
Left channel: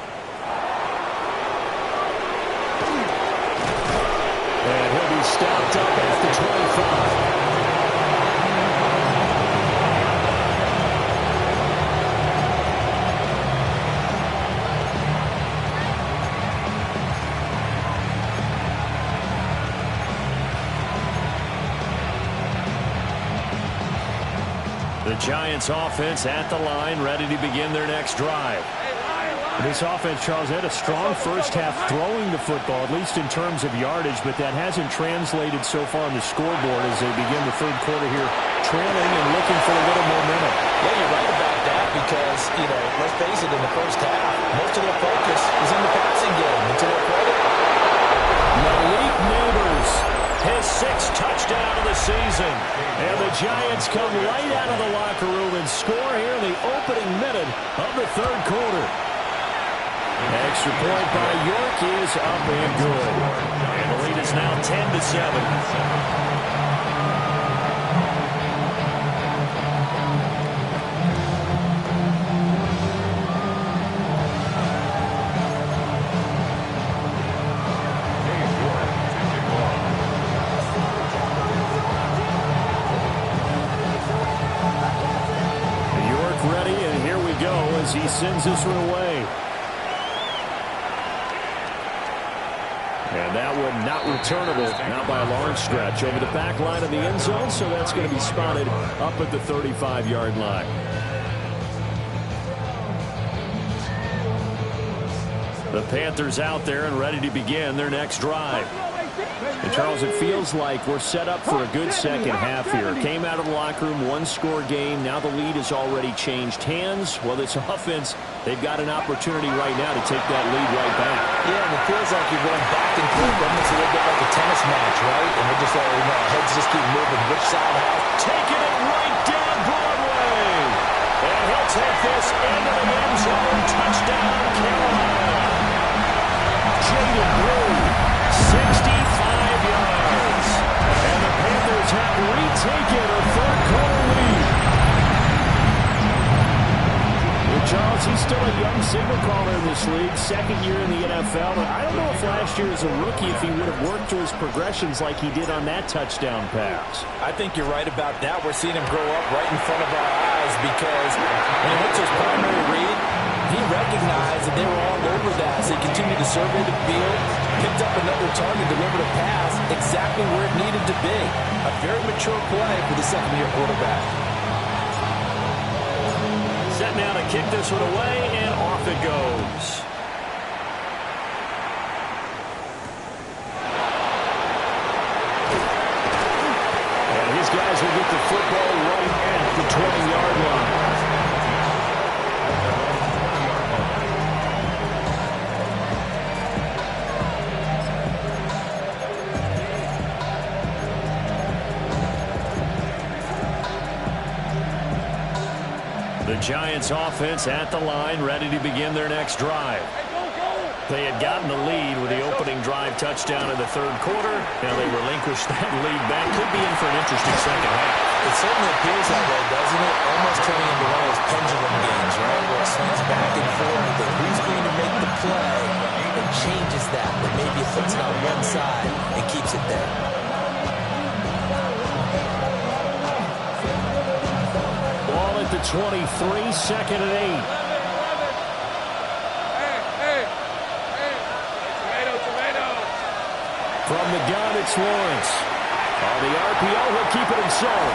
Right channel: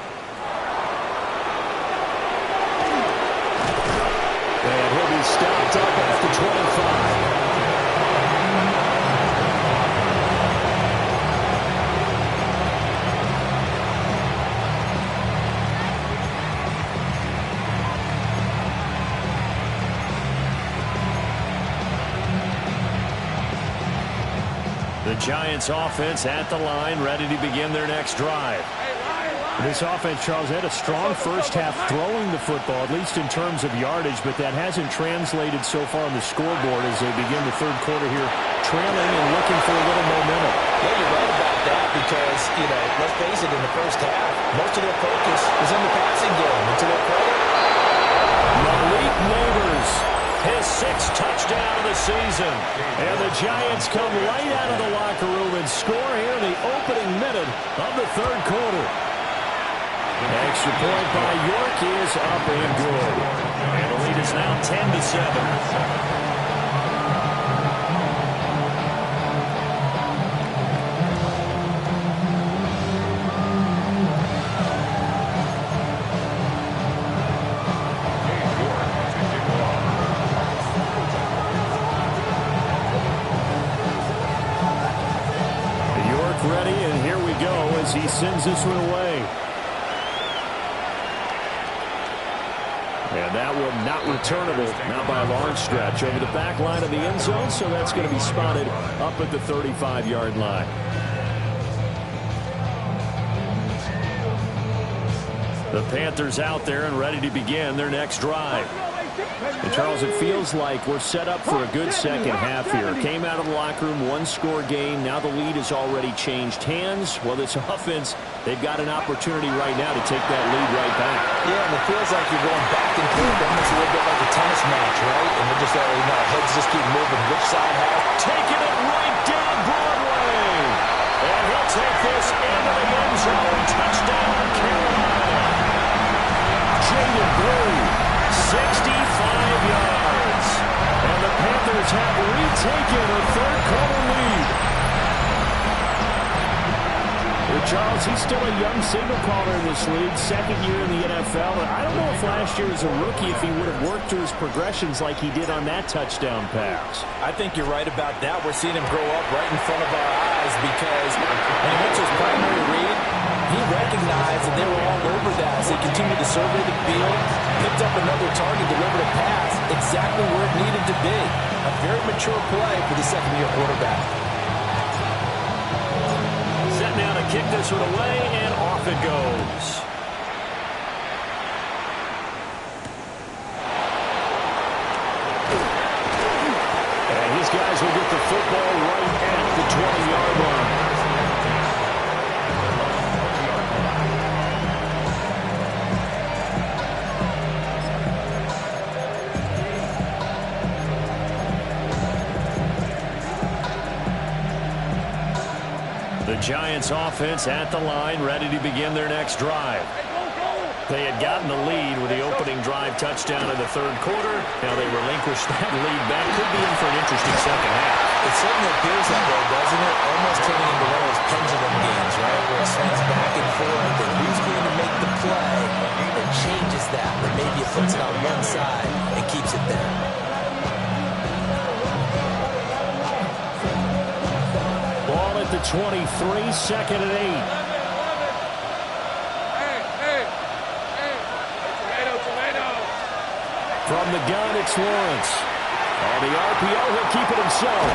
And he'll be stopped up at the 25. The Giants offense at the line, ready to begin their next drive. This offense, Charles, had a strong first half throwing the football, at least in terms of yardage, but that hasn't translated so far on the scoreboard as they begin the third quarter here, trailing and looking for a little momentum. Yeah, you're right about that because, let's face it, in the first half, most of their focus was in the passing game. And to their credit, Malik Neighbors, his 6th touchdown of the season. And the Giants come right out of the locker room and score here in the opening minute of the third quarter. Extra point by York is up and good. And the lead is now 10-7. Ready, and here we go as he sends this one away. And that one not returnable, not by a long stretch, over the back line of the end zone, so that's going to be spotted up at the 35-yard line. The Panthers out there and ready to begin their next drive. And Charles, it feels like we're set up for a good second half here. Came out of the locker room, one-score game. Now the lead has already changed hands. Well, this offense, they've got an opportunity right now to take that lead right back. Yeah, and it feels like you're going back and forth, almost a little bit like a tennis match, right? And we're just, heads just keep moving. Which side has? Taking it right down Broadway. And he'll take this into the end zone. Touchdown, Carolina. Jaden Blue, 65 yards. And the Panthers have retaken a third-quarter lead. Well, Charles, he's still a young signal caller in this league, second year in the NFL. I don't know if last year as a rookie if he would have worked through his progressions like he did on that touchdown pass. I think you're right about that. We're seeing him grow up right in front of our eyes because when he went to his primary read, he recognized that they were all over that, so he continued to survey the field, picked up another target, delivered a pass exactly where it needed to be. A very mature play for the second-year quarterback. Set now to kick this one away, and off it goes. And these guys will get the football right at the 20-yard line. The Giants offense at the line, ready to begin their next drive. They had gotten the lead with the opening drive touchdown in the third quarter. Now they relinquished that lead back. Could be in for an interesting second half. It certainly appears that way, doesn't it? Almost turning into one of those pendulum games, right? Where it swings back and forth, and who's going to make the play that changes that, but maybe it puts it on one side and keeps it there. Ball at the 23, second and 8. From the gun, it's Lawrence. On the RPO, he'll keep it himself.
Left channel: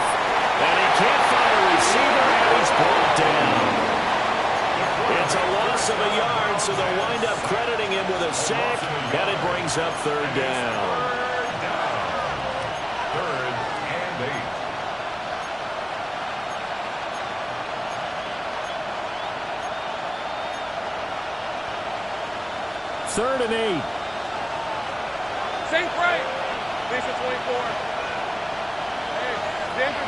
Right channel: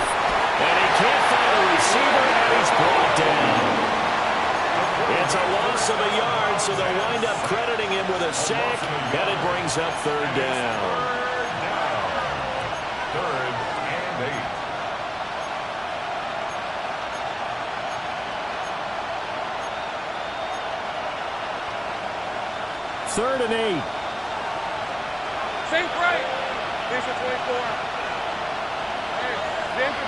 And he can't find a receiver, and he's brought down. It's a loss of a yard, so they'll wind up crediting him with a sack, and it brings up third down. Third and 8. Third and 8. Sink right. Finish at 24. Hey, Denver.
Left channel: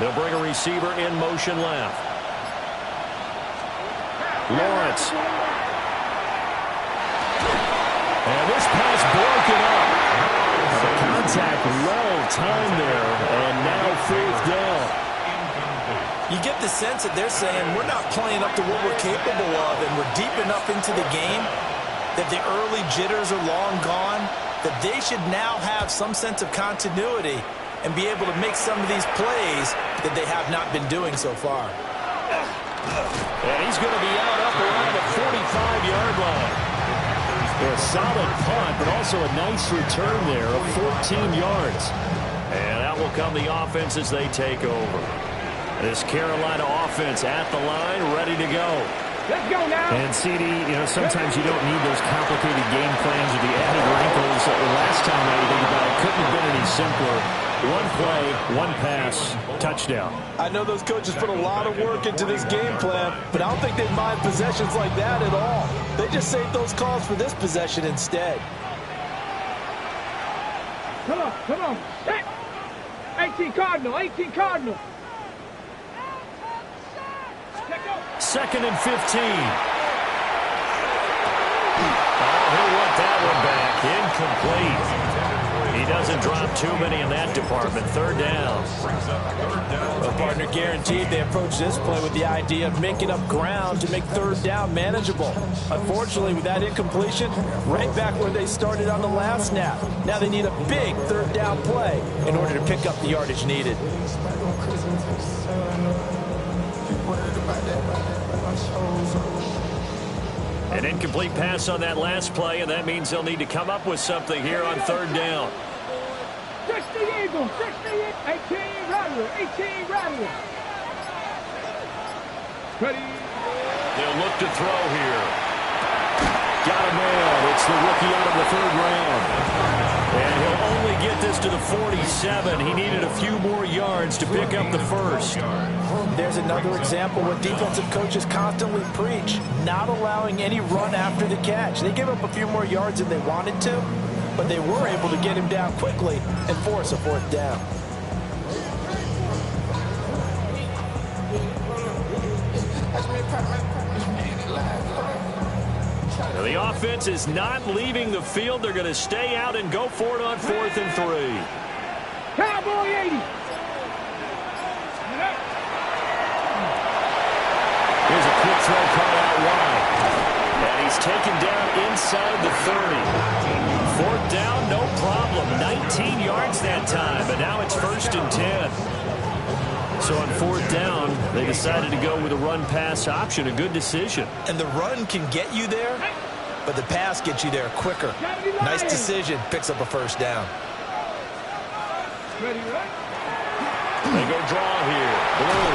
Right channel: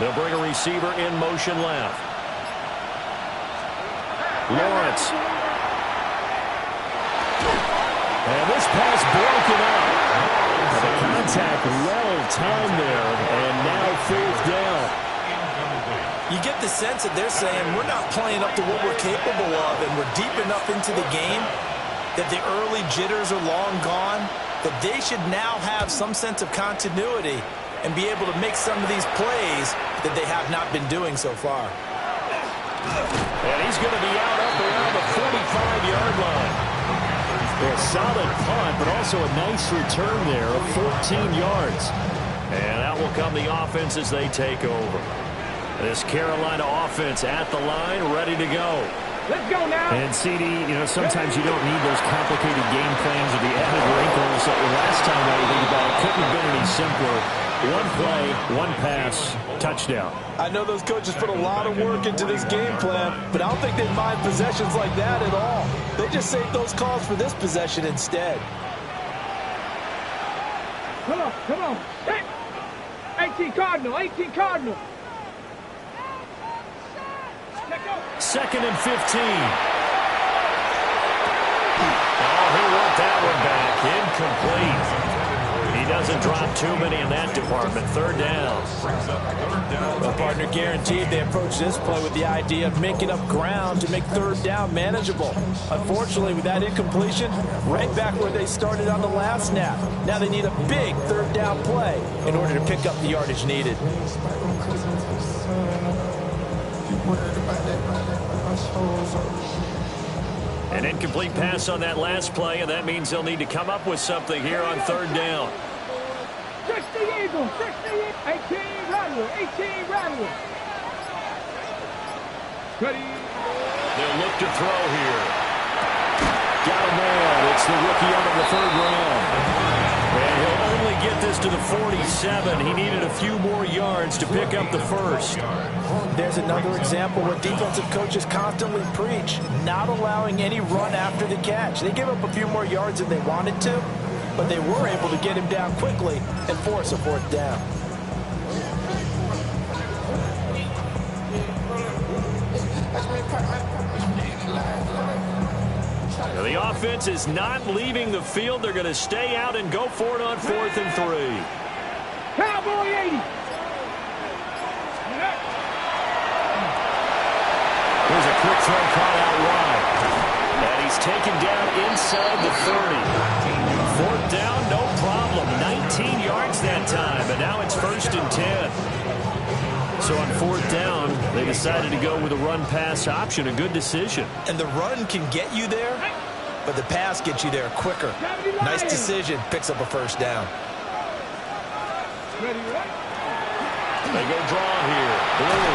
They'll bring a receiver in motion left. Lawrence. And this pass broken up. The contact well-timed there, and now 4th down. You get the sense that they're saying we're not playing up to what we're capable of, and we're deep enough into the game that the early jitters are long gone, that they should now have some sense of continuity and be able to make some of these plays that they have not been doing so far. And he's going to be out up around the 45-yard line. A solid punt, but also a nice return there of 14 yards. And out will come the offense as they take over. This Carolina offense at the line, ready to go. Let's go now. And, CD, you know, sometimes you don't need those complicated game plans or the added wrinkles. Last time, I think about it, couldn't have been any simpler. One play, one pass, touchdown. I know those coaches put a lot of work into this game plan, but I don't think they mind possessions like that at all. They just save those calls for this possession instead. Come on. 18 Cardinal, 18 Cardinal. 2nd and 15. Oh, he'll want that one back. Incomplete. He doesn't drop too many in that department. 3rd down. Well, partner, guaranteed they approach this play with the idea of making up ground to make 3rd down manageable. Unfortunately, with that incompletion, right back where they started on the last snap. Now they need a big 3rd down play in order to pick up the yardage needed. An incomplete pass on that last play, and that means they'll need to come up with something here on 3rd down. 60 Eagles, 60, 18 Rattler, 18 Rattler. Ready. They'll look to throw here. Got a man. It's the rookie out of the 3rd round. And he'll only get this to the 47. He needed a few more yards to pick up the 1st. There's another example what defensive coaches constantly preach, not allowing any run after the catch. They gave up a few more yards than they wanted to, but they were able to get him down quickly and force a 4th down. Now the offense is not leaving the field. They're going to stay out and go for it on 4th and 3. Cowboy 80. Here's a quick throw caught out wide. And he's taken down inside the 30. 4th down, no problem. 19 yards that time, but now it's 1st and 10. So on 4th down, they decided to go with a run-pass option. A good decision. And the run can get you there, but the pass gets you there quicker. Nice decision. Picks up a 1st down. Ready, right? They go draw here. Blue.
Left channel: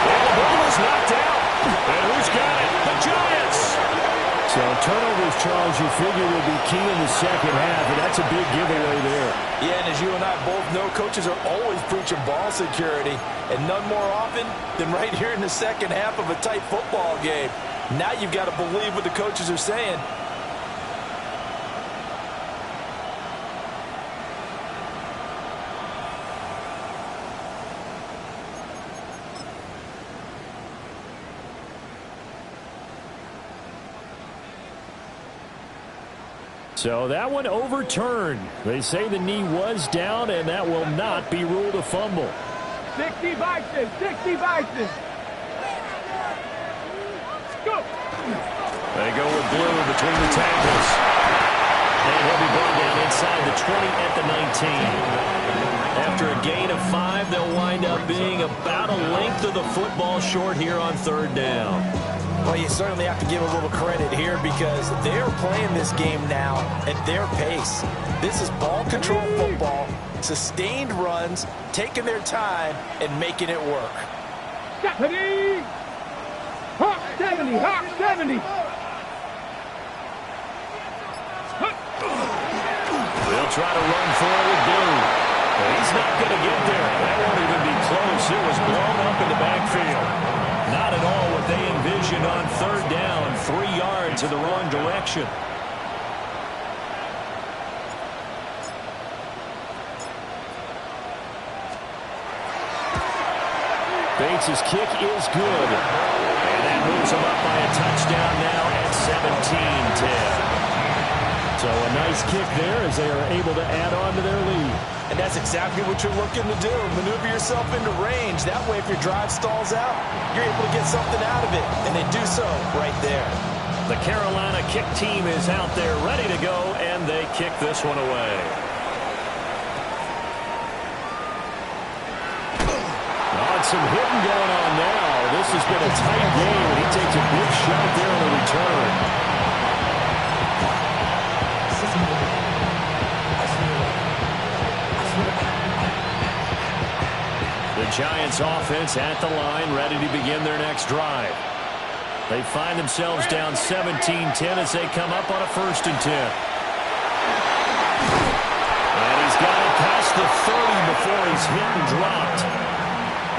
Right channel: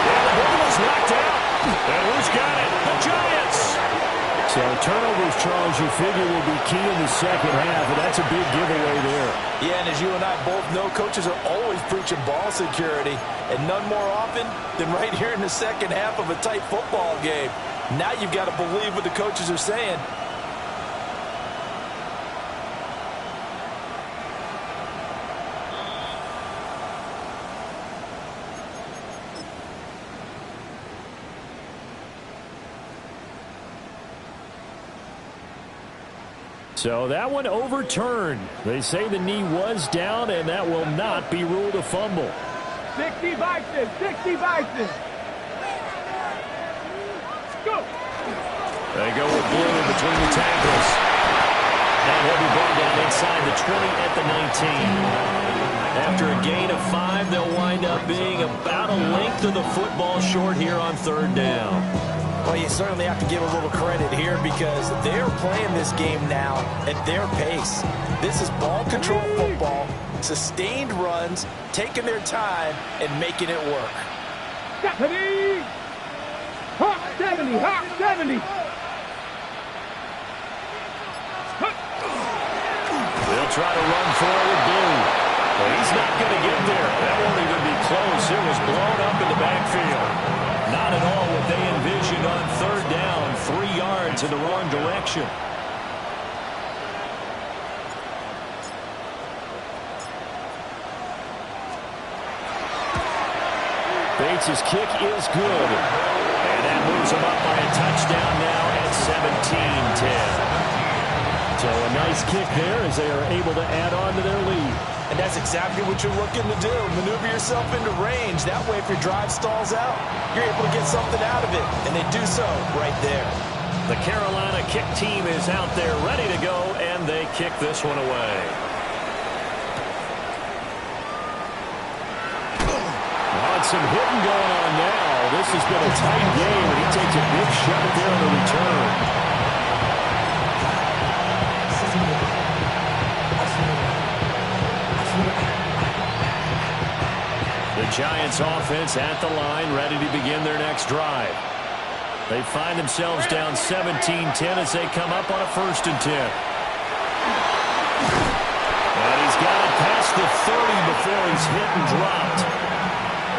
And the ball is knocked out. And who's got it? The Giants. So turnovers, Charles, you figure will be key in the 2nd half, and that's a big giveaway there. Yeah, and as you and I both know, coaches are always preaching ball security, and none more often than right here in the 2nd half of a tight football game. Now you've got to believe what the coaches are saying. So that one overturned. They say the knee was down, and that will not be ruled a fumble. 60 Bison, 60 Bison. Go. They go with Blue between the tackles. And he'll be brought down inside the 20 at the 19. After a gain of 5, they'll wind up being about a length of the football short here on 3rd down. Well, you certainly have to give a little credit here because they're playing this game now at their pace. This is ball control football, sustained runs, taking their time, and making it work. 70! Hawk 70! Hawk 70! They'll try to run for it with Blue. But he's not going to get there. That won't even be close. It was blown up in the backfield. Not at all what they envisioned on 3rd down. 3 yards in the wrong direction. Bates' kick is good. And that moves him up by a touchdown now at 17-10. So a nice kick there as they are able to add on to their lead. And that's exactly what you're looking to do. Maneuver yourself into range. That way, if your drive stalls out, you're able to get something out of it. And they do so right there. The Carolina kick team is out there ready to go, and they kick this one away. Oh, and some hitting going on now. This has been a tight game, and he takes a big shot there on the return. The Giants offense at the line, ready to begin their next drive. They find themselves down 17-10 as they come up on a 1st and 10. And he's got it past the 30 before he's hit and dropped.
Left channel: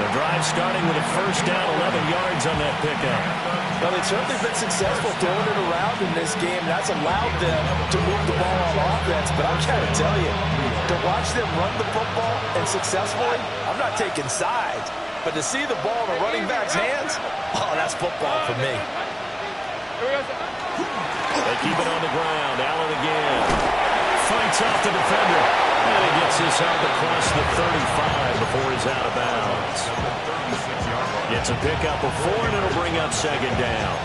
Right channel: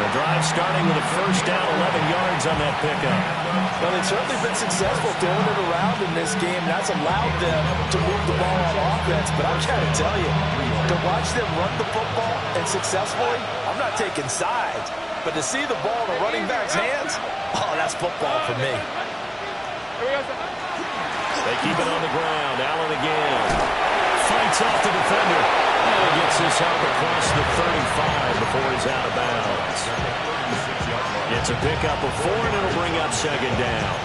The drive starting with a 1st down, 11 yards on that pickup. Well, they've certainly been successful throwing it around in this game. That's allowed them to move the ball on offense. But I've got to tell you, to watch them run the football and successfully, I'm not taking sides. But to see the ball in a running back's hands, oh, that's football for me. They keep it on the ground. Allen again. Fights off the defender. And he gets this out across the 35 before he's out of bounds. It's a pickup of 4, and it'll bring up 2nd down.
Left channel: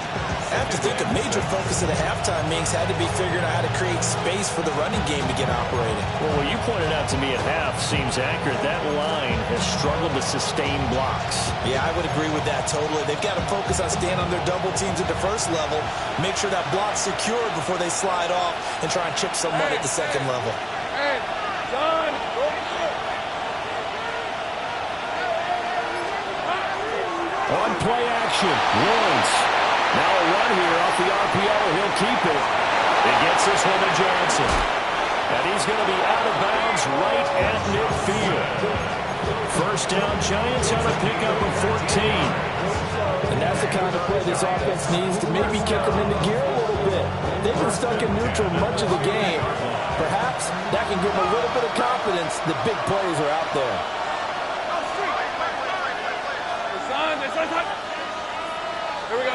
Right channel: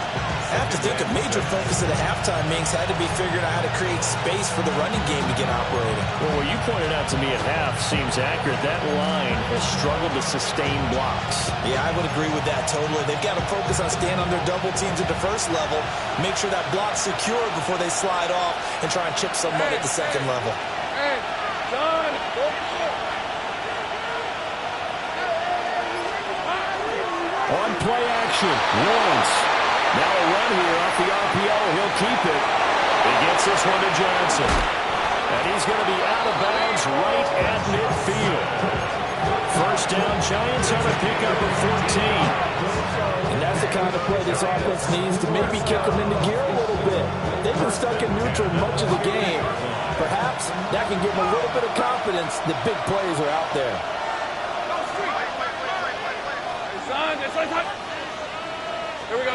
I have to think a major focus of the halftime meetings had to be figuring out how to create space for the running game to get operating. Well, what you pointed out to me at half seems accurate. That line has struggled to sustain blocks. Yeah, I would agree with that totally. They've got to focus on staying on their double teams at the 1st level, make sure that block's secured before they slide off and try and chip someone at the 2nd level. Hey, John, go. On play action, Lawrence. Now a run here off the RPO. He'll keep it. He gets this one to Johnson. And he's going to be out of bounds right at midfield. 1st down, Giants on a pickup of 14. And that's the kind of play this offense needs to maybe kick them into gear a little bit. They've been stuck in neutral much of the game. Perhaps that can give them a little bit of confidence that big plays are out there. Here we go.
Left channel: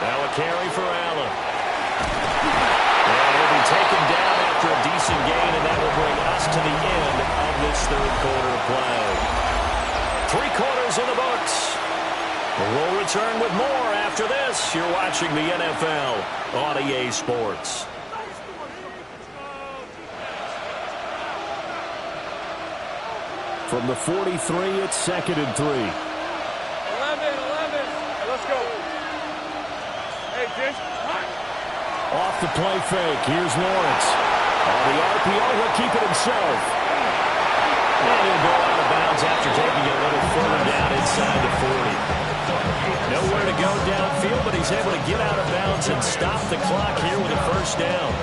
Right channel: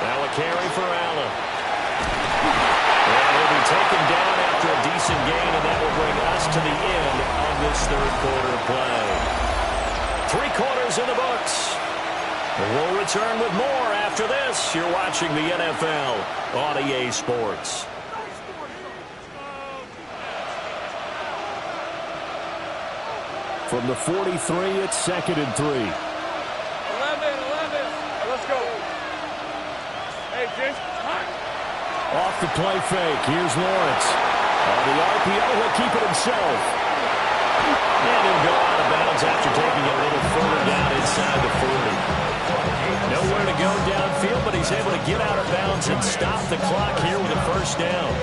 Now a carry for Allen. And he'll be taken down after a decent gain, and that will bring us to the end of this 3rd quarter of play. 3 quarters in the books. We'll return with more after this. You're watching the NFL on EA Sports. From the 43, it's 2nd and 3. 11. Let's go. Hey, Jason. Off the play fake. Here's Lawrence. On the RPO, he'll keep it himself. And he'll go out of bounds after taking it a little further down inside the 40. Nowhere to go downfield, but he's able to get out of bounds and stop the clock here with a 1st down.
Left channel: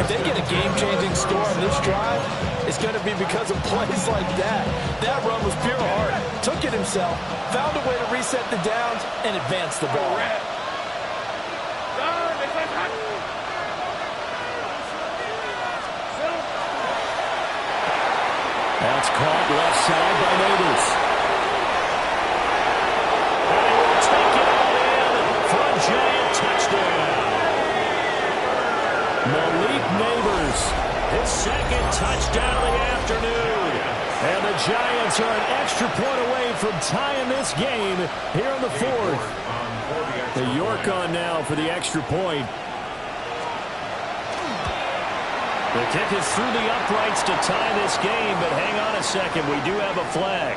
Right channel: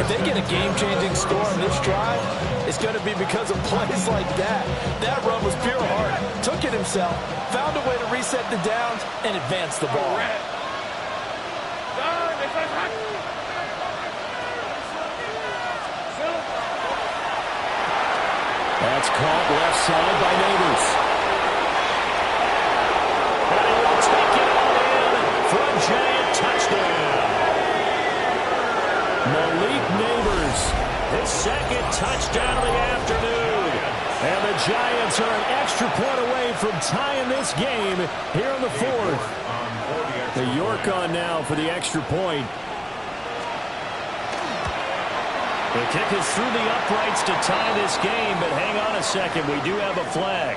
If they get a game-changing score on this drive, it's going to be because of plays like that. That run was pure heart. Took it himself, found a way to reset the downs, and advance the ball. That's caught left side by Neighbors. And he will take it all in for a Giant touchdown. Malik Neighbors, his 2nd touchdown of the afternoon. And the Giants are an extra point away from tying this game here in the 4th. The York on now for the extra point. The kick is through the uprights to tie this game, but hang on a second. We do have a flag.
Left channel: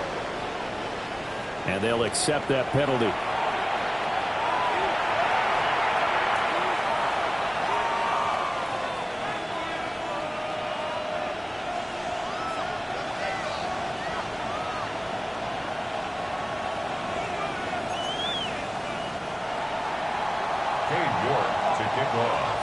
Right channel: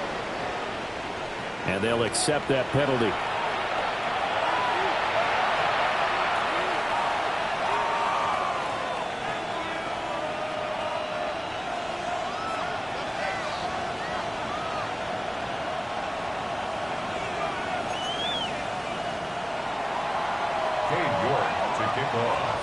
And they'll accept that penalty. York to kick off.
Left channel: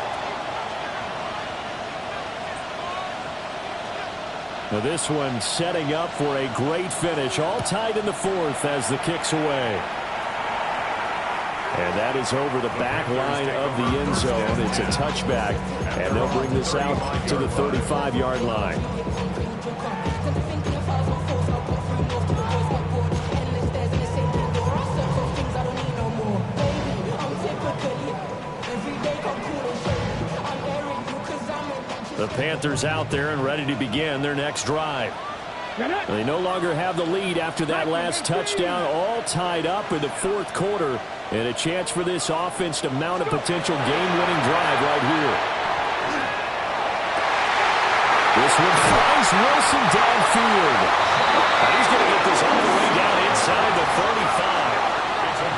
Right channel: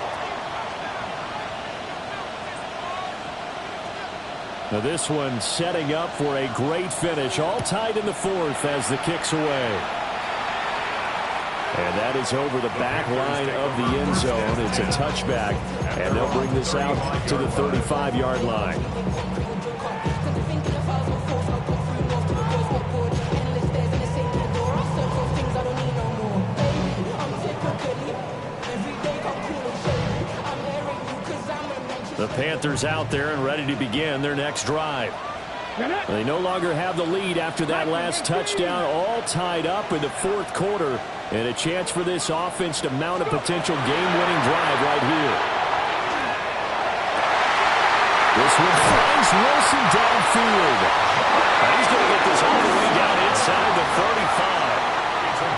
Now this one setting up for a great finish. All tied in the 4th as the kick's away. And that is over the back line of the end zone. It's a touchback. And they'll bring this out to the 35-yard line. Every day come cool and shady. I'm airing you cause The Panthers out there and ready to begin their next drive. They no longer have the lead after that last touchdown, all tied up in the fourth quarter, and a chance for this offense to mount a potential game-winning drive right here. This one finds Wilson downfield. He's going to get this all the way down inside the 35.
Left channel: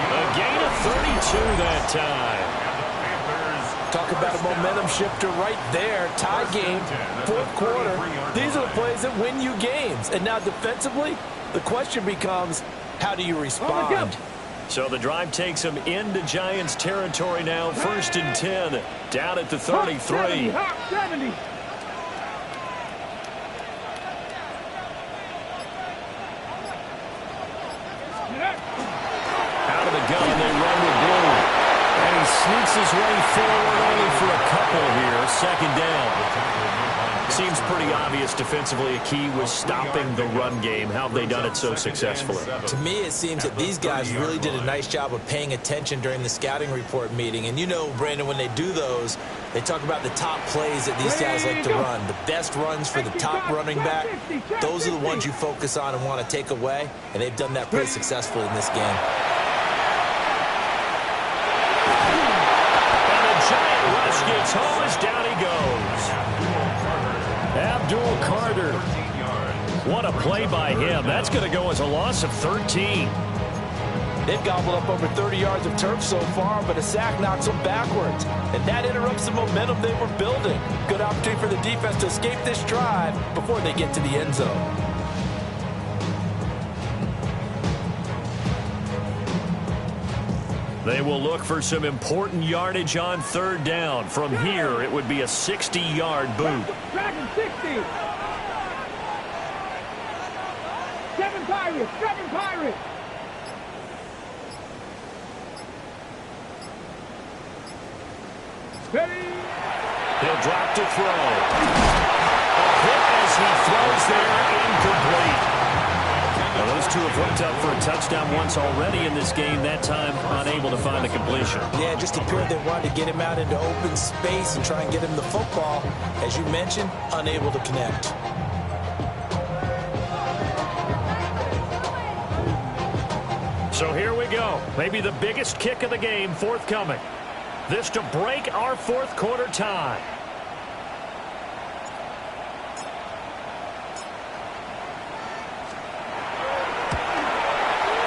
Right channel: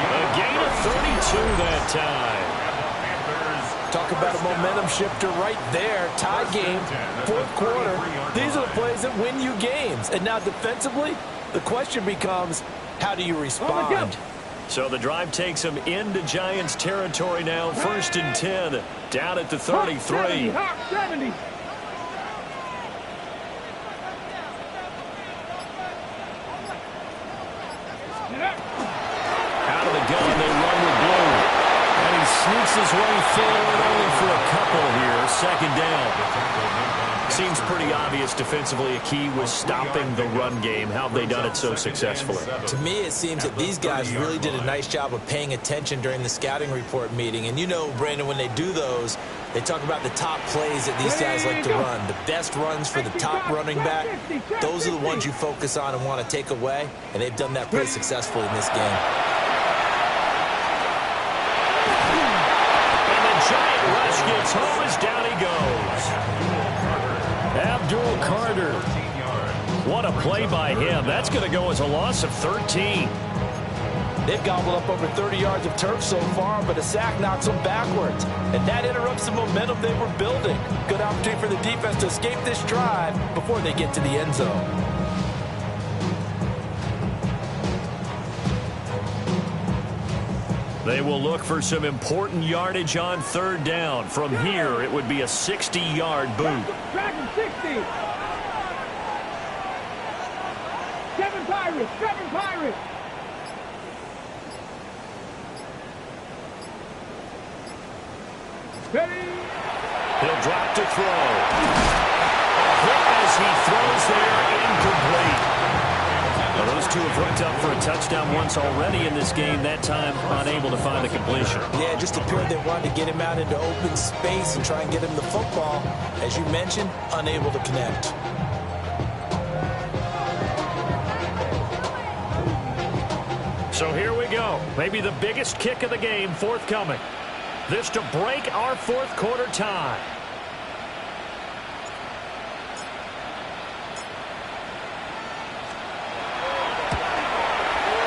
A gain of 32 that time. Talk about a momentum shifter right there. Tie game, fourth quarter. These are the plays that win you games. And now defensively, the question becomes, how do you respond? So the drive takes them into Giants territory now. 1st and 10, down at the 33. Hawk 70. Out of the gun, they run with blue. And he sneaks his way forward only for a couple here. 2nd down. Seems pretty obvious defensively a key was stopping the run game. How have they done it so successfully? To me, it seems that these guys really did a nice job of paying attention during the scouting report meeting. And you know, Brandon, when they do those, they talk about the top plays that these guys like to run. The best runs for the top running back, those are the ones you focus on and want to take away. And they've done that pretty successfully in this game. Giant rush gets home as down he goes. Abdul Carter. What a play by him. That's going to go as a loss of 13. They've gobbled up over 30 yards of turf so far, but a sack knocks them backwards. And that interrupts the momentum they were building. Good opportunity for the defense to escape this drive before they get to the end zone. They will look for some important yardage on 3rd down. From here, it would be a 60-yard boot. Dragon 60. 7 Pirates. 7 Pirates. Ready. He'll drop to throw. A hit as he throws there, incomplete. Well, those two have hooked up for a touchdown once already in this game, that time unable to find the completion. Yeah, it just appeared they wanted to get him out into open space and try and get him the football. As you mentioned, unable to connect. So here we go. Maybe the biggest kick of the game forthcoming. This to break our fourth quarter tie.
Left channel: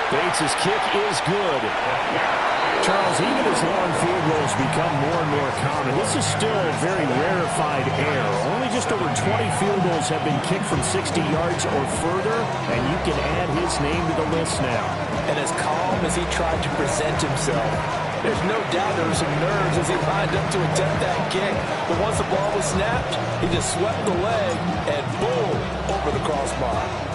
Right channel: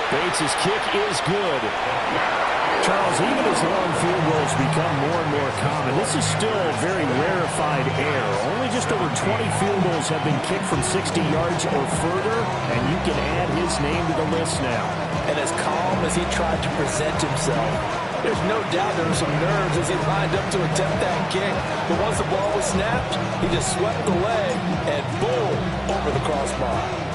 Bates' kick is good. Charles, even as long field goals become more and more common, this is still a very rarefied air. Only just over 20 field goals have been kicked from 60 yards or further, and you can add his name to the list now. And as calm as he tried to present himself, there's no doubt there were some nerves as he lined up to attempt that kick. But once the ball was snapped, he just swept the leg and boom, over the crossbar.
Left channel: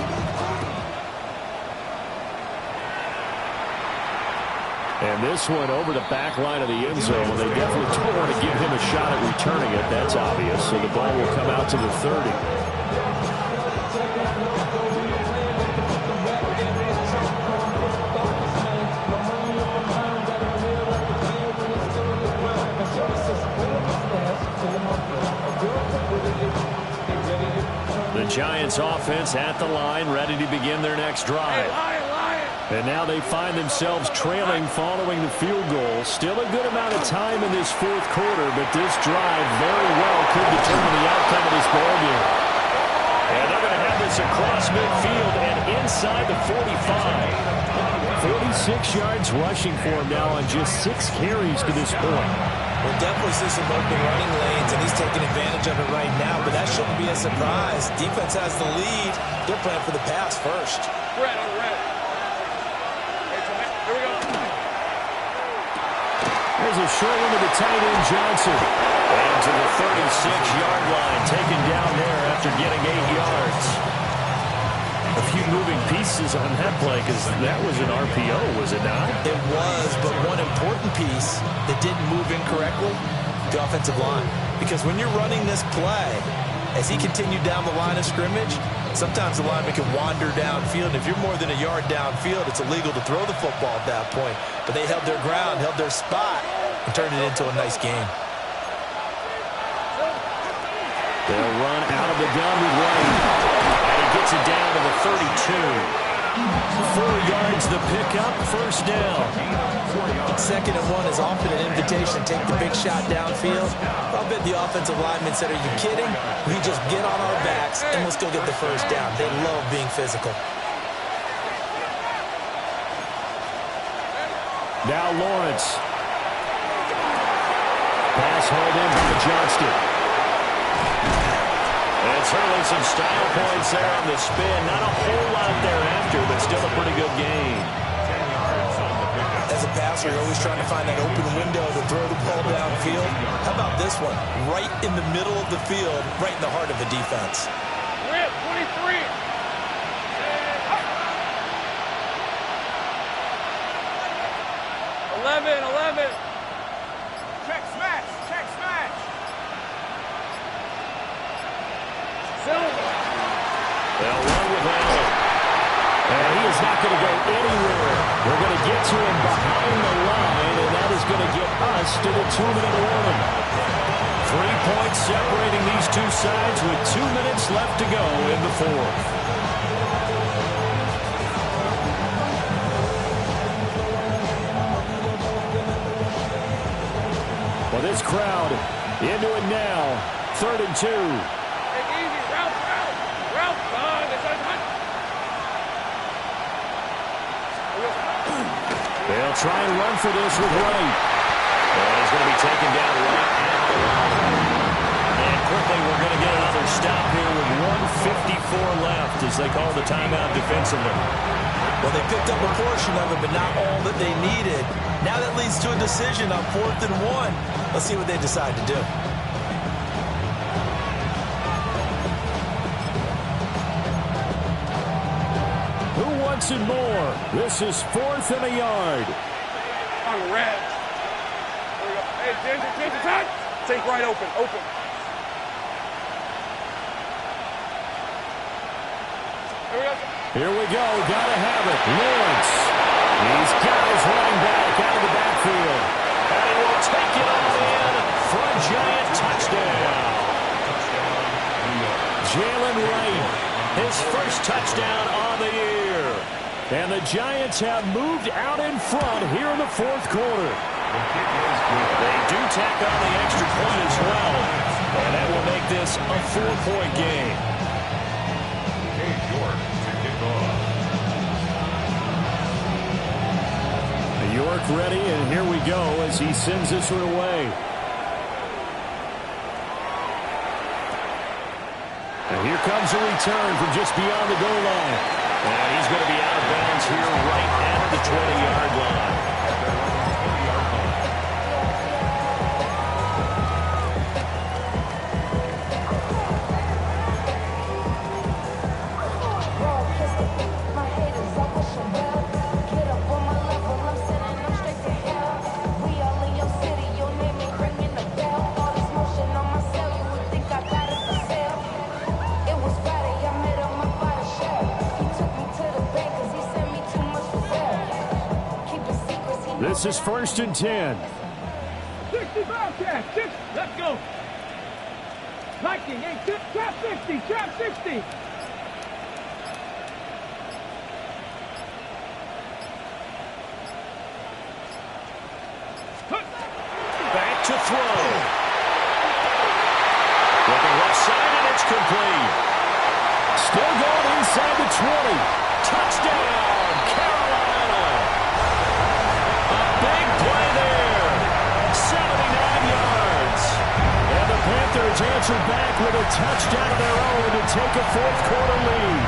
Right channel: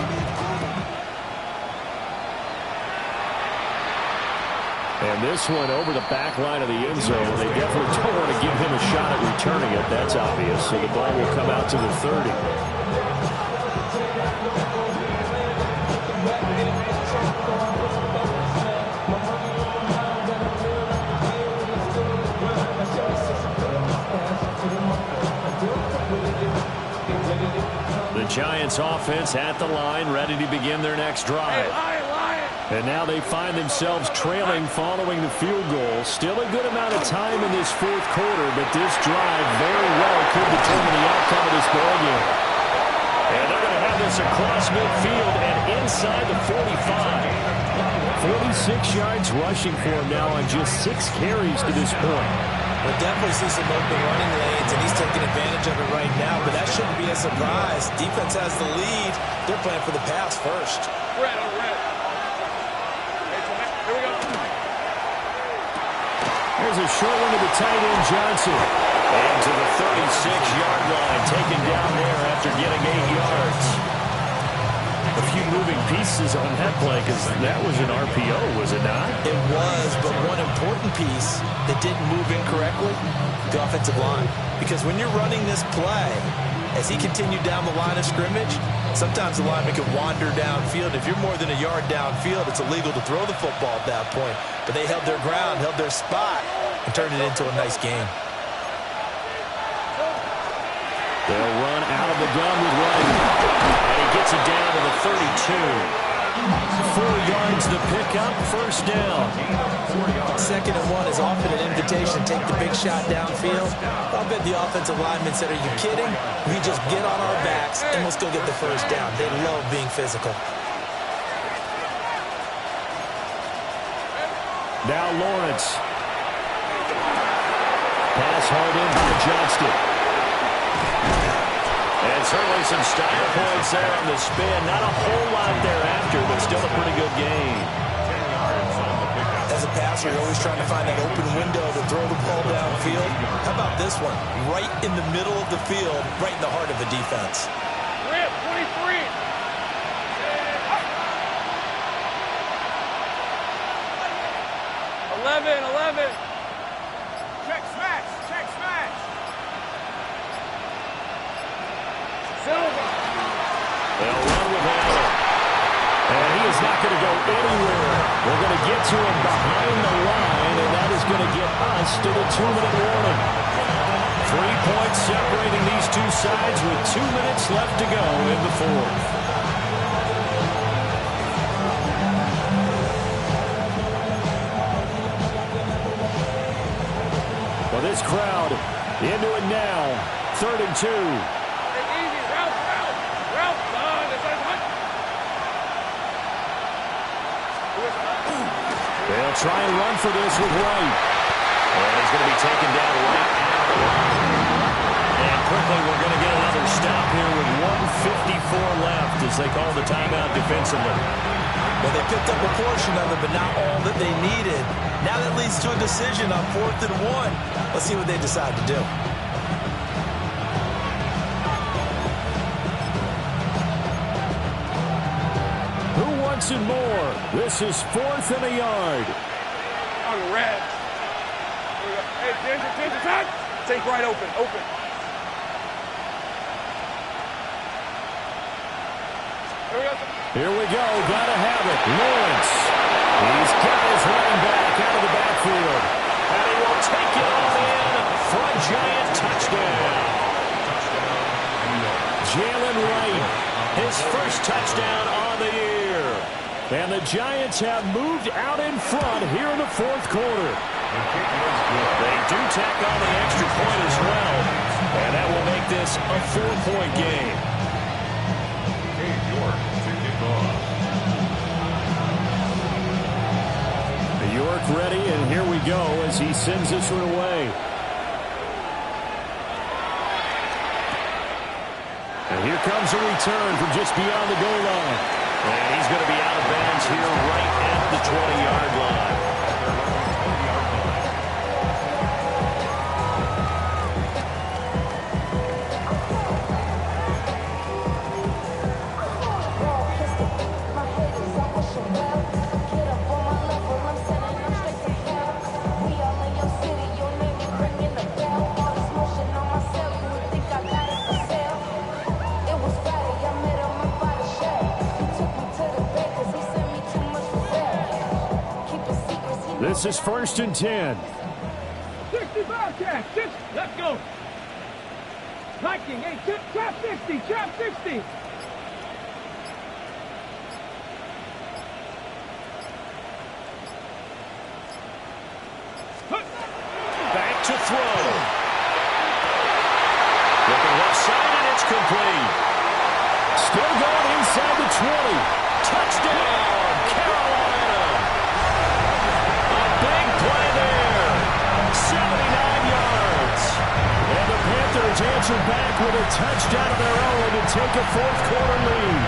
And this one over the back line of the end zone. They definitely don't want to give him a shot at returning it. That's obvious. So the ball will come out to the 30. The Giants offense at the line, ready to begin their next drive. And now they find themselves trailing following the field goal. Still a good amount of time in this fourth quarter, but this drive very well could determine the outcome of this ball game. And they're going to have this across midfield and inside the 45. 46 yards rushing for him now on just 6 carries to this point. We'll definitely see some open running lanes, and he's taking advantage of it right now, but that shouldn't be a surprise. Defense has the lead. They're playing for the pass first. Red. There's a short one to the tight end, Johnson. And to the 36-yard line, taken down there after getting 8 yards. A few moving pieces on that play because that was an RPO, was it not? It was, but one important piece that didn't move incorrectly, the offensive line. Because when you're running this play, as he continued down the line of scrimmage, sometimes the lineman can wander downfield. If you're more than a yard downfield, it's illegal to throw the football at that point. But they held their ground, held their spot, and turned it into a nice game. They'll run out of the gun with Wright. And he gets it down to the 32. 4 yards the pickup, first down. 2nd and 1 is often an invitation to take the big shot downfield. I'll bet the offensive lineman said, are you kidding? We just get on our backs and let's go get the first down. They love being physical. Now Lawrence. Pass hauled in by Johnston. And certainly some style points there on the spin. Not a whole lot thereafter, but still a pretty good gain. As a passer, you're always trying to find that open window to throw the ball downfield. How about this one? Right in the middle of the field, right in the heart of the defense. Rip, 23. 11. Check smash. Silver. They'll run with Allen. And he is not going to go anywhere. They're going to get to him behind the line, and that is going to get us to the 2-minute warning. 3 points separating these two sides with 2 minutes left to go in the fourth. Well, this crowd into it now. 3rd and 2. Take easy. Route, son. They'll try and run for this with Wright. And he's going to be taken down right at the line. And quickly we're going to get another stop here with 1:54 left as they call the timeout defensively. Well, they picked up a portion of it, but not all that they needed. Now that leads to a decision on 4th and 1. Let's see what they decide to do. Who wants it more? This is 4th and a yard. On red. Here we go. Hey, Ginger, time. Take right open. Here we go. Gotta have it. Lawrence. He's got his running back out of the backfield. And he will take it all in for a giant touchdown. Jalen Wright, his first touchdown on the year. And the Giants have moved out in front here in the 4th quarter. They do tack on the extra point as well. And that will make this a 4-point game. York ready, and here we go as he sends this one away. And here comes a return from just beyond the goal line. And he's going to be out of bounds here right at the 20-yard line. This is 1st and 10. 65 catch. Let's go. Viking, hey, trap 60. Back to throw. Looking left side, and it's complete. Still going inside the 20. Touchdown, Carolina. Big play there. 79 yards. And the Panthers answer back with a touchdown of their own to take a 4th quarter lead.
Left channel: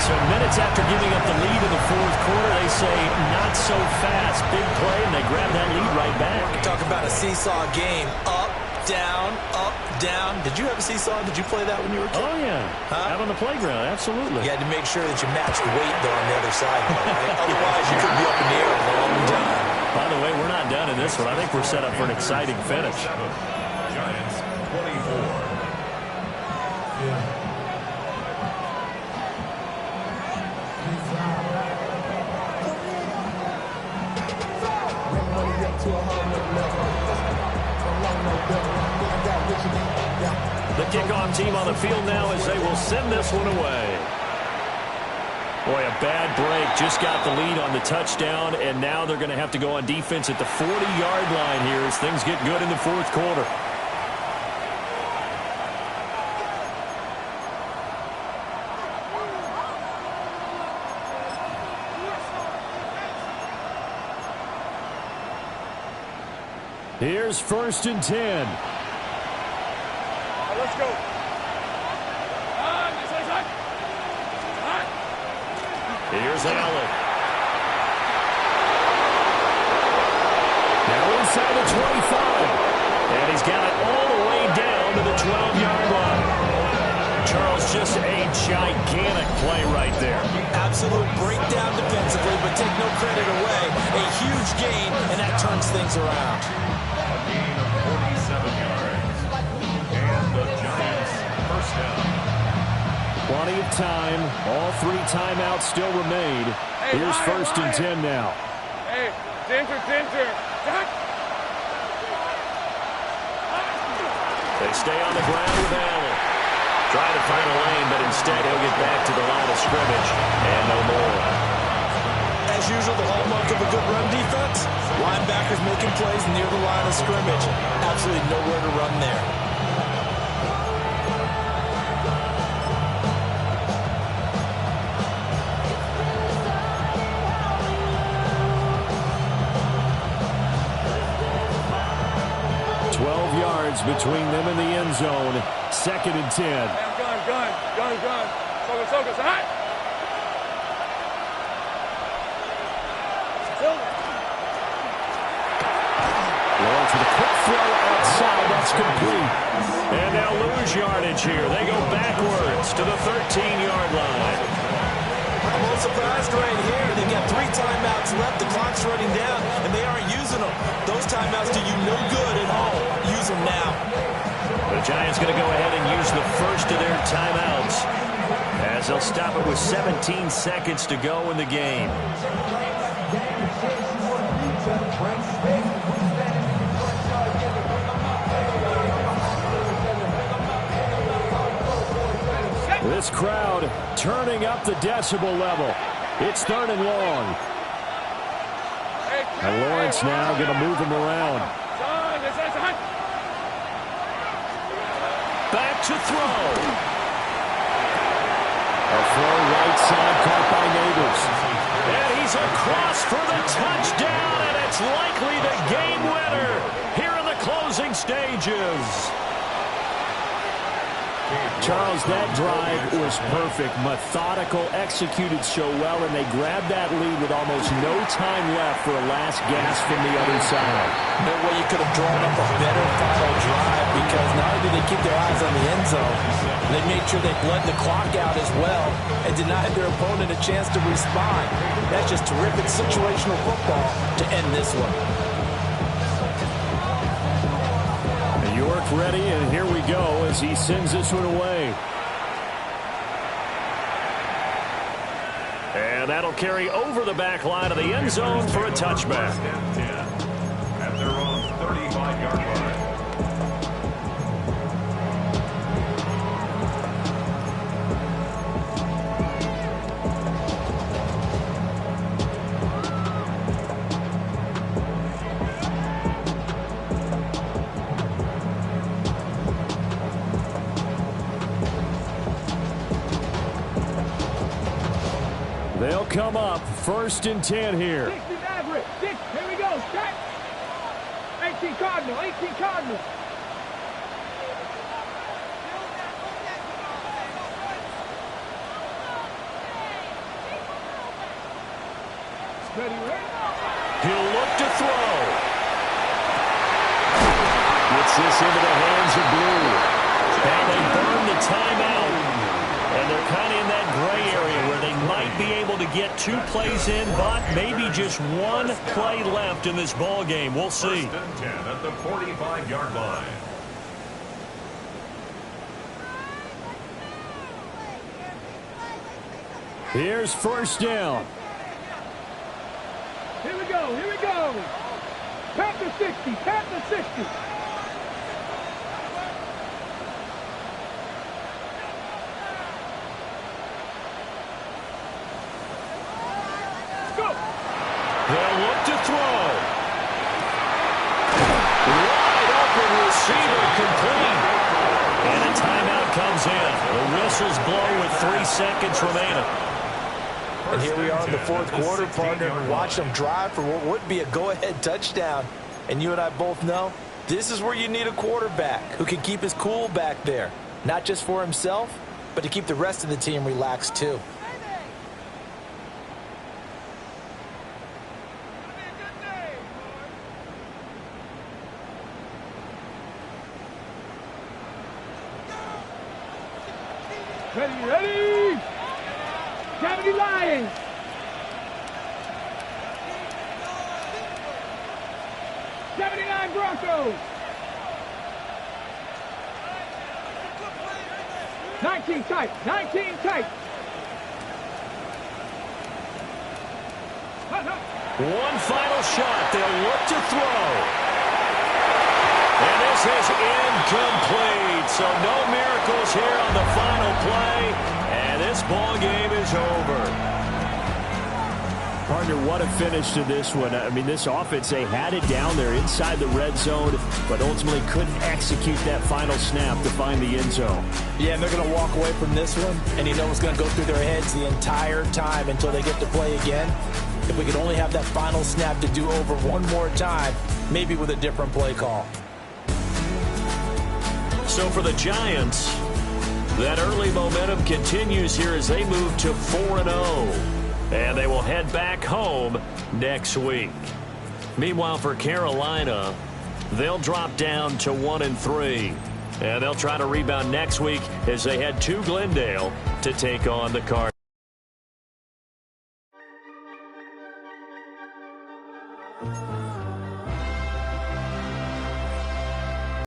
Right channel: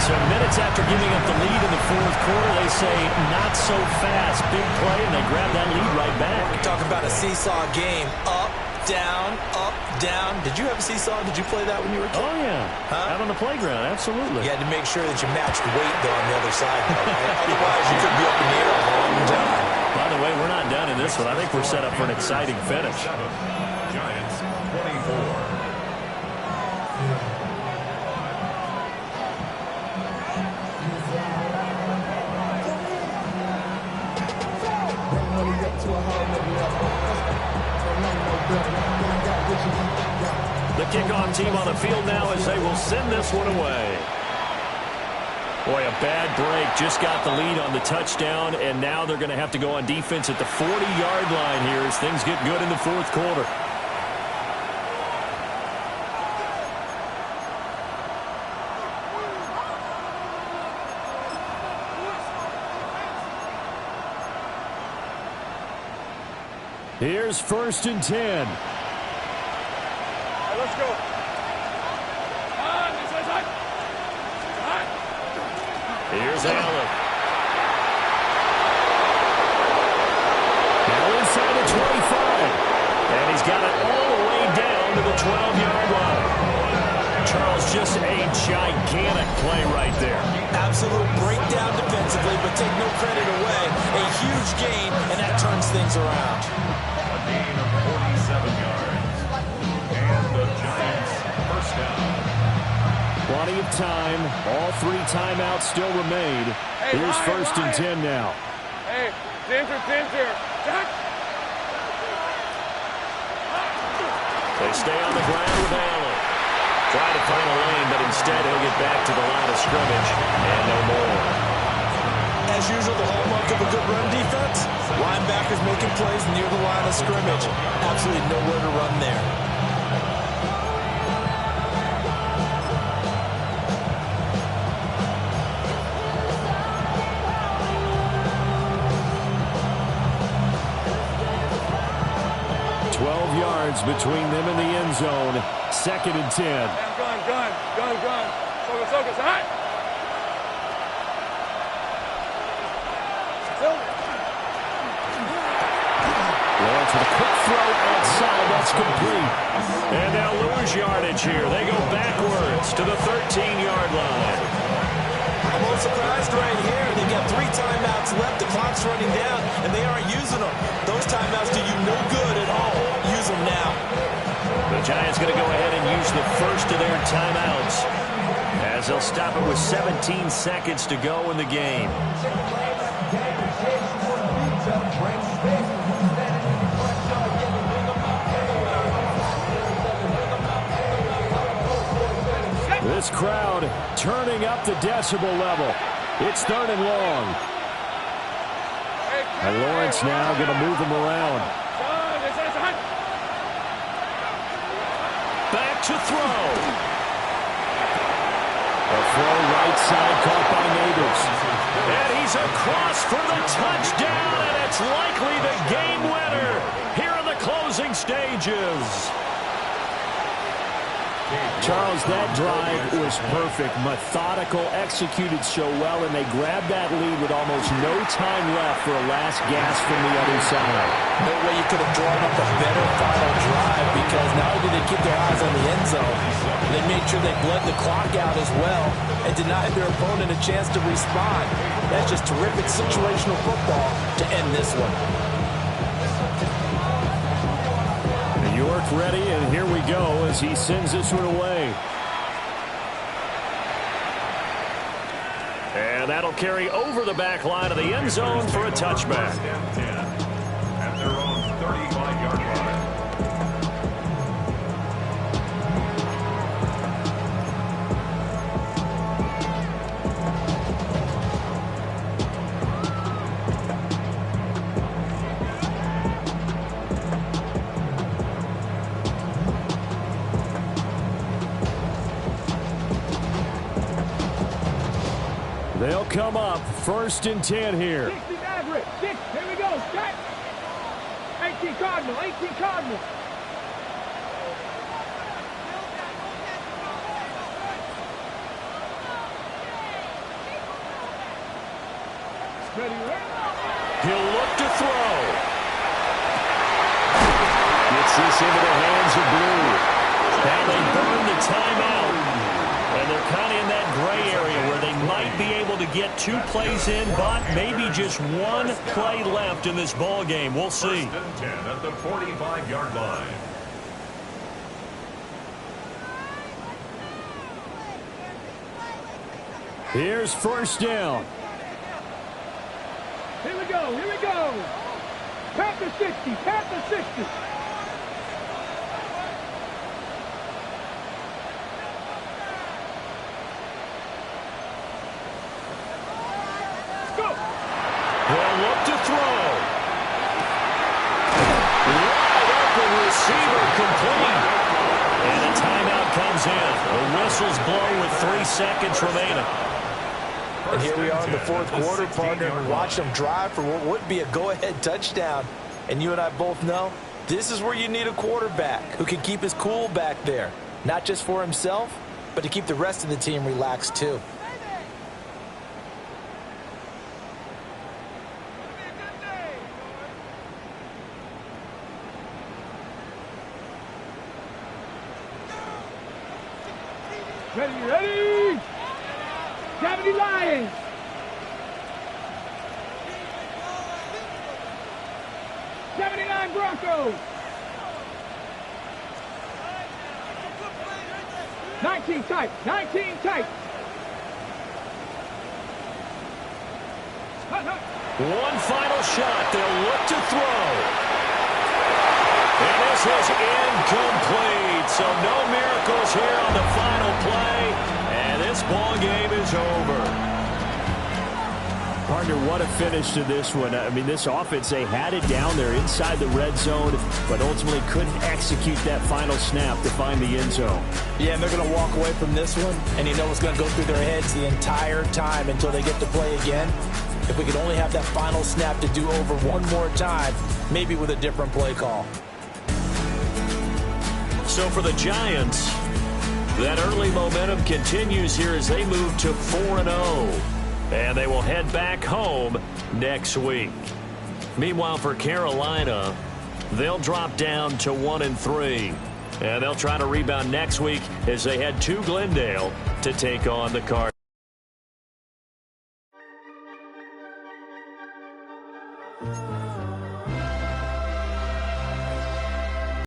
So minutes after giving up the lead in the 4th quarter, they say not so fast. Big play, and they grab that lead right back. Talk about a seesaw game. Up, down, up, down. Did you have a seesaw? Did you play that when you were a kid? Oh, yeah. Huh? Out on the playground, absolutely. You had to make sure that you matched weight, though, on the other side, though, right? Otherwise, you could be up in the air a long time. By the way, we're not done in this one. I think we're set up for an exciting finish. Giants 24. The kickoff team on the field now as they will send this one away. Boy, a bad break. Just got the lead on the touchdown, and now they're going to have to go on defense at the 40-yard line here as things get good in the fourth quarter. Here's 1st and 10. All right, let's go. Here's Allen. Now inside the 25. And he's got it all the way down to the 12-yard line. Charles, just a gigantic play right there. Absolute breakdown defensively, but take no credit away. A huge gain, and that turns things around. A gain of 47 yards. And the Giants first down. Plenty of time. All 3 timeouts still remain. Here's 1st and 10 now. Hey, Ginger. They stay on the ground with Allen. Try to find a lane, but instead he'll get back to the line of scrimmage and no more. As usual, the hallmark of a good run defense, linebackers making plays near the line of scrimmage. Absolutely nowhere to run there. Between them and the end zone. 2nd and 10. Hey, I'm gun. Focus. All right. Lawrence with a quick throw outside. That's complete. And they'll lose yardage here. They go backwards to the 13-yard line. I'm a little surprised right here. They've got 3 timeouts left. The clock's running down, and they aren't using them. Those timeouts do you no good at home. Use them now. The Giants going to go ahead and use the first of their timeouts as they'll stop it with 17 seconds to go in the game. This crowd turning up the decibel level. It's 3rd and long. And Lawrence now going to move them around. Back to throw. A throw right side caught by Neighbors. And he's across for the touchdown, and it's likely the game winner here in the closing stages. Charles, that drive was perfect, methodical, executed so well, and they grabbed that lead with almost no time left for a last gasp from the other side. No way you could have drawn up a better final drive, because not only did they keep their eyes on the end zone, they made sure they bled the clock out as well and denied their opponent a chance to respond. That's just terrific situational football to end this one. York ready, and here we go as he sends this one away. And that'll carry over the back line of the end zone for a touchback. At their own 35-yard line. They'll come up 1st and 10 here. 60 Maverick. 6. Here we go. Strike. 18 Cardinal. 18 Cardinal. Ready, ready. He'll look to throw. Gets this into the hands of Blue. Now they burn the timeout. And they're kind of in that gray area where they might be able to get 2 plays in, but maybe just 1 play left in this ball game. We'll see. 1st and 10 at the 45-yard line. Here's 1st down. Here we go. Here we go. Panther 60. Panther 60. complete. And a timeout comes in. The whistles blow with 3 seconds remaining. And here we are in the fourth quarter, partner, and watch them drive for what would be a go-ahead touchdown. And you and I both know this is where you need a quarterback who can keep his cool back there, not just for himself, but to keep the rest of the team relaxed too. Ready! 70 Lions! '79 Broncos! 19 tight! 19 tight! One final shot. They'll look to throw. And this is incomplete. So no miracles here on the final play. And this ball game is over. Partner, what a finish to this one. I mean, this offense, they had it down there inside the red zone, but ultimately couldn't execute that final snap to find the end zone. Yeah, and they're going to walk away from this one, and you know what's going to go through their heads the entire time until they get to play again. If we could only have that final snap to do over one more time, maybe with a different play call. So for the Giants, that early momentum continues here as they move to 4-0. And they will head back home next week. Meanwhile, for Carolina, they'll drop down to 1-3. And they'll try to rebound next week as they head to Glendale to take on the Cardinals.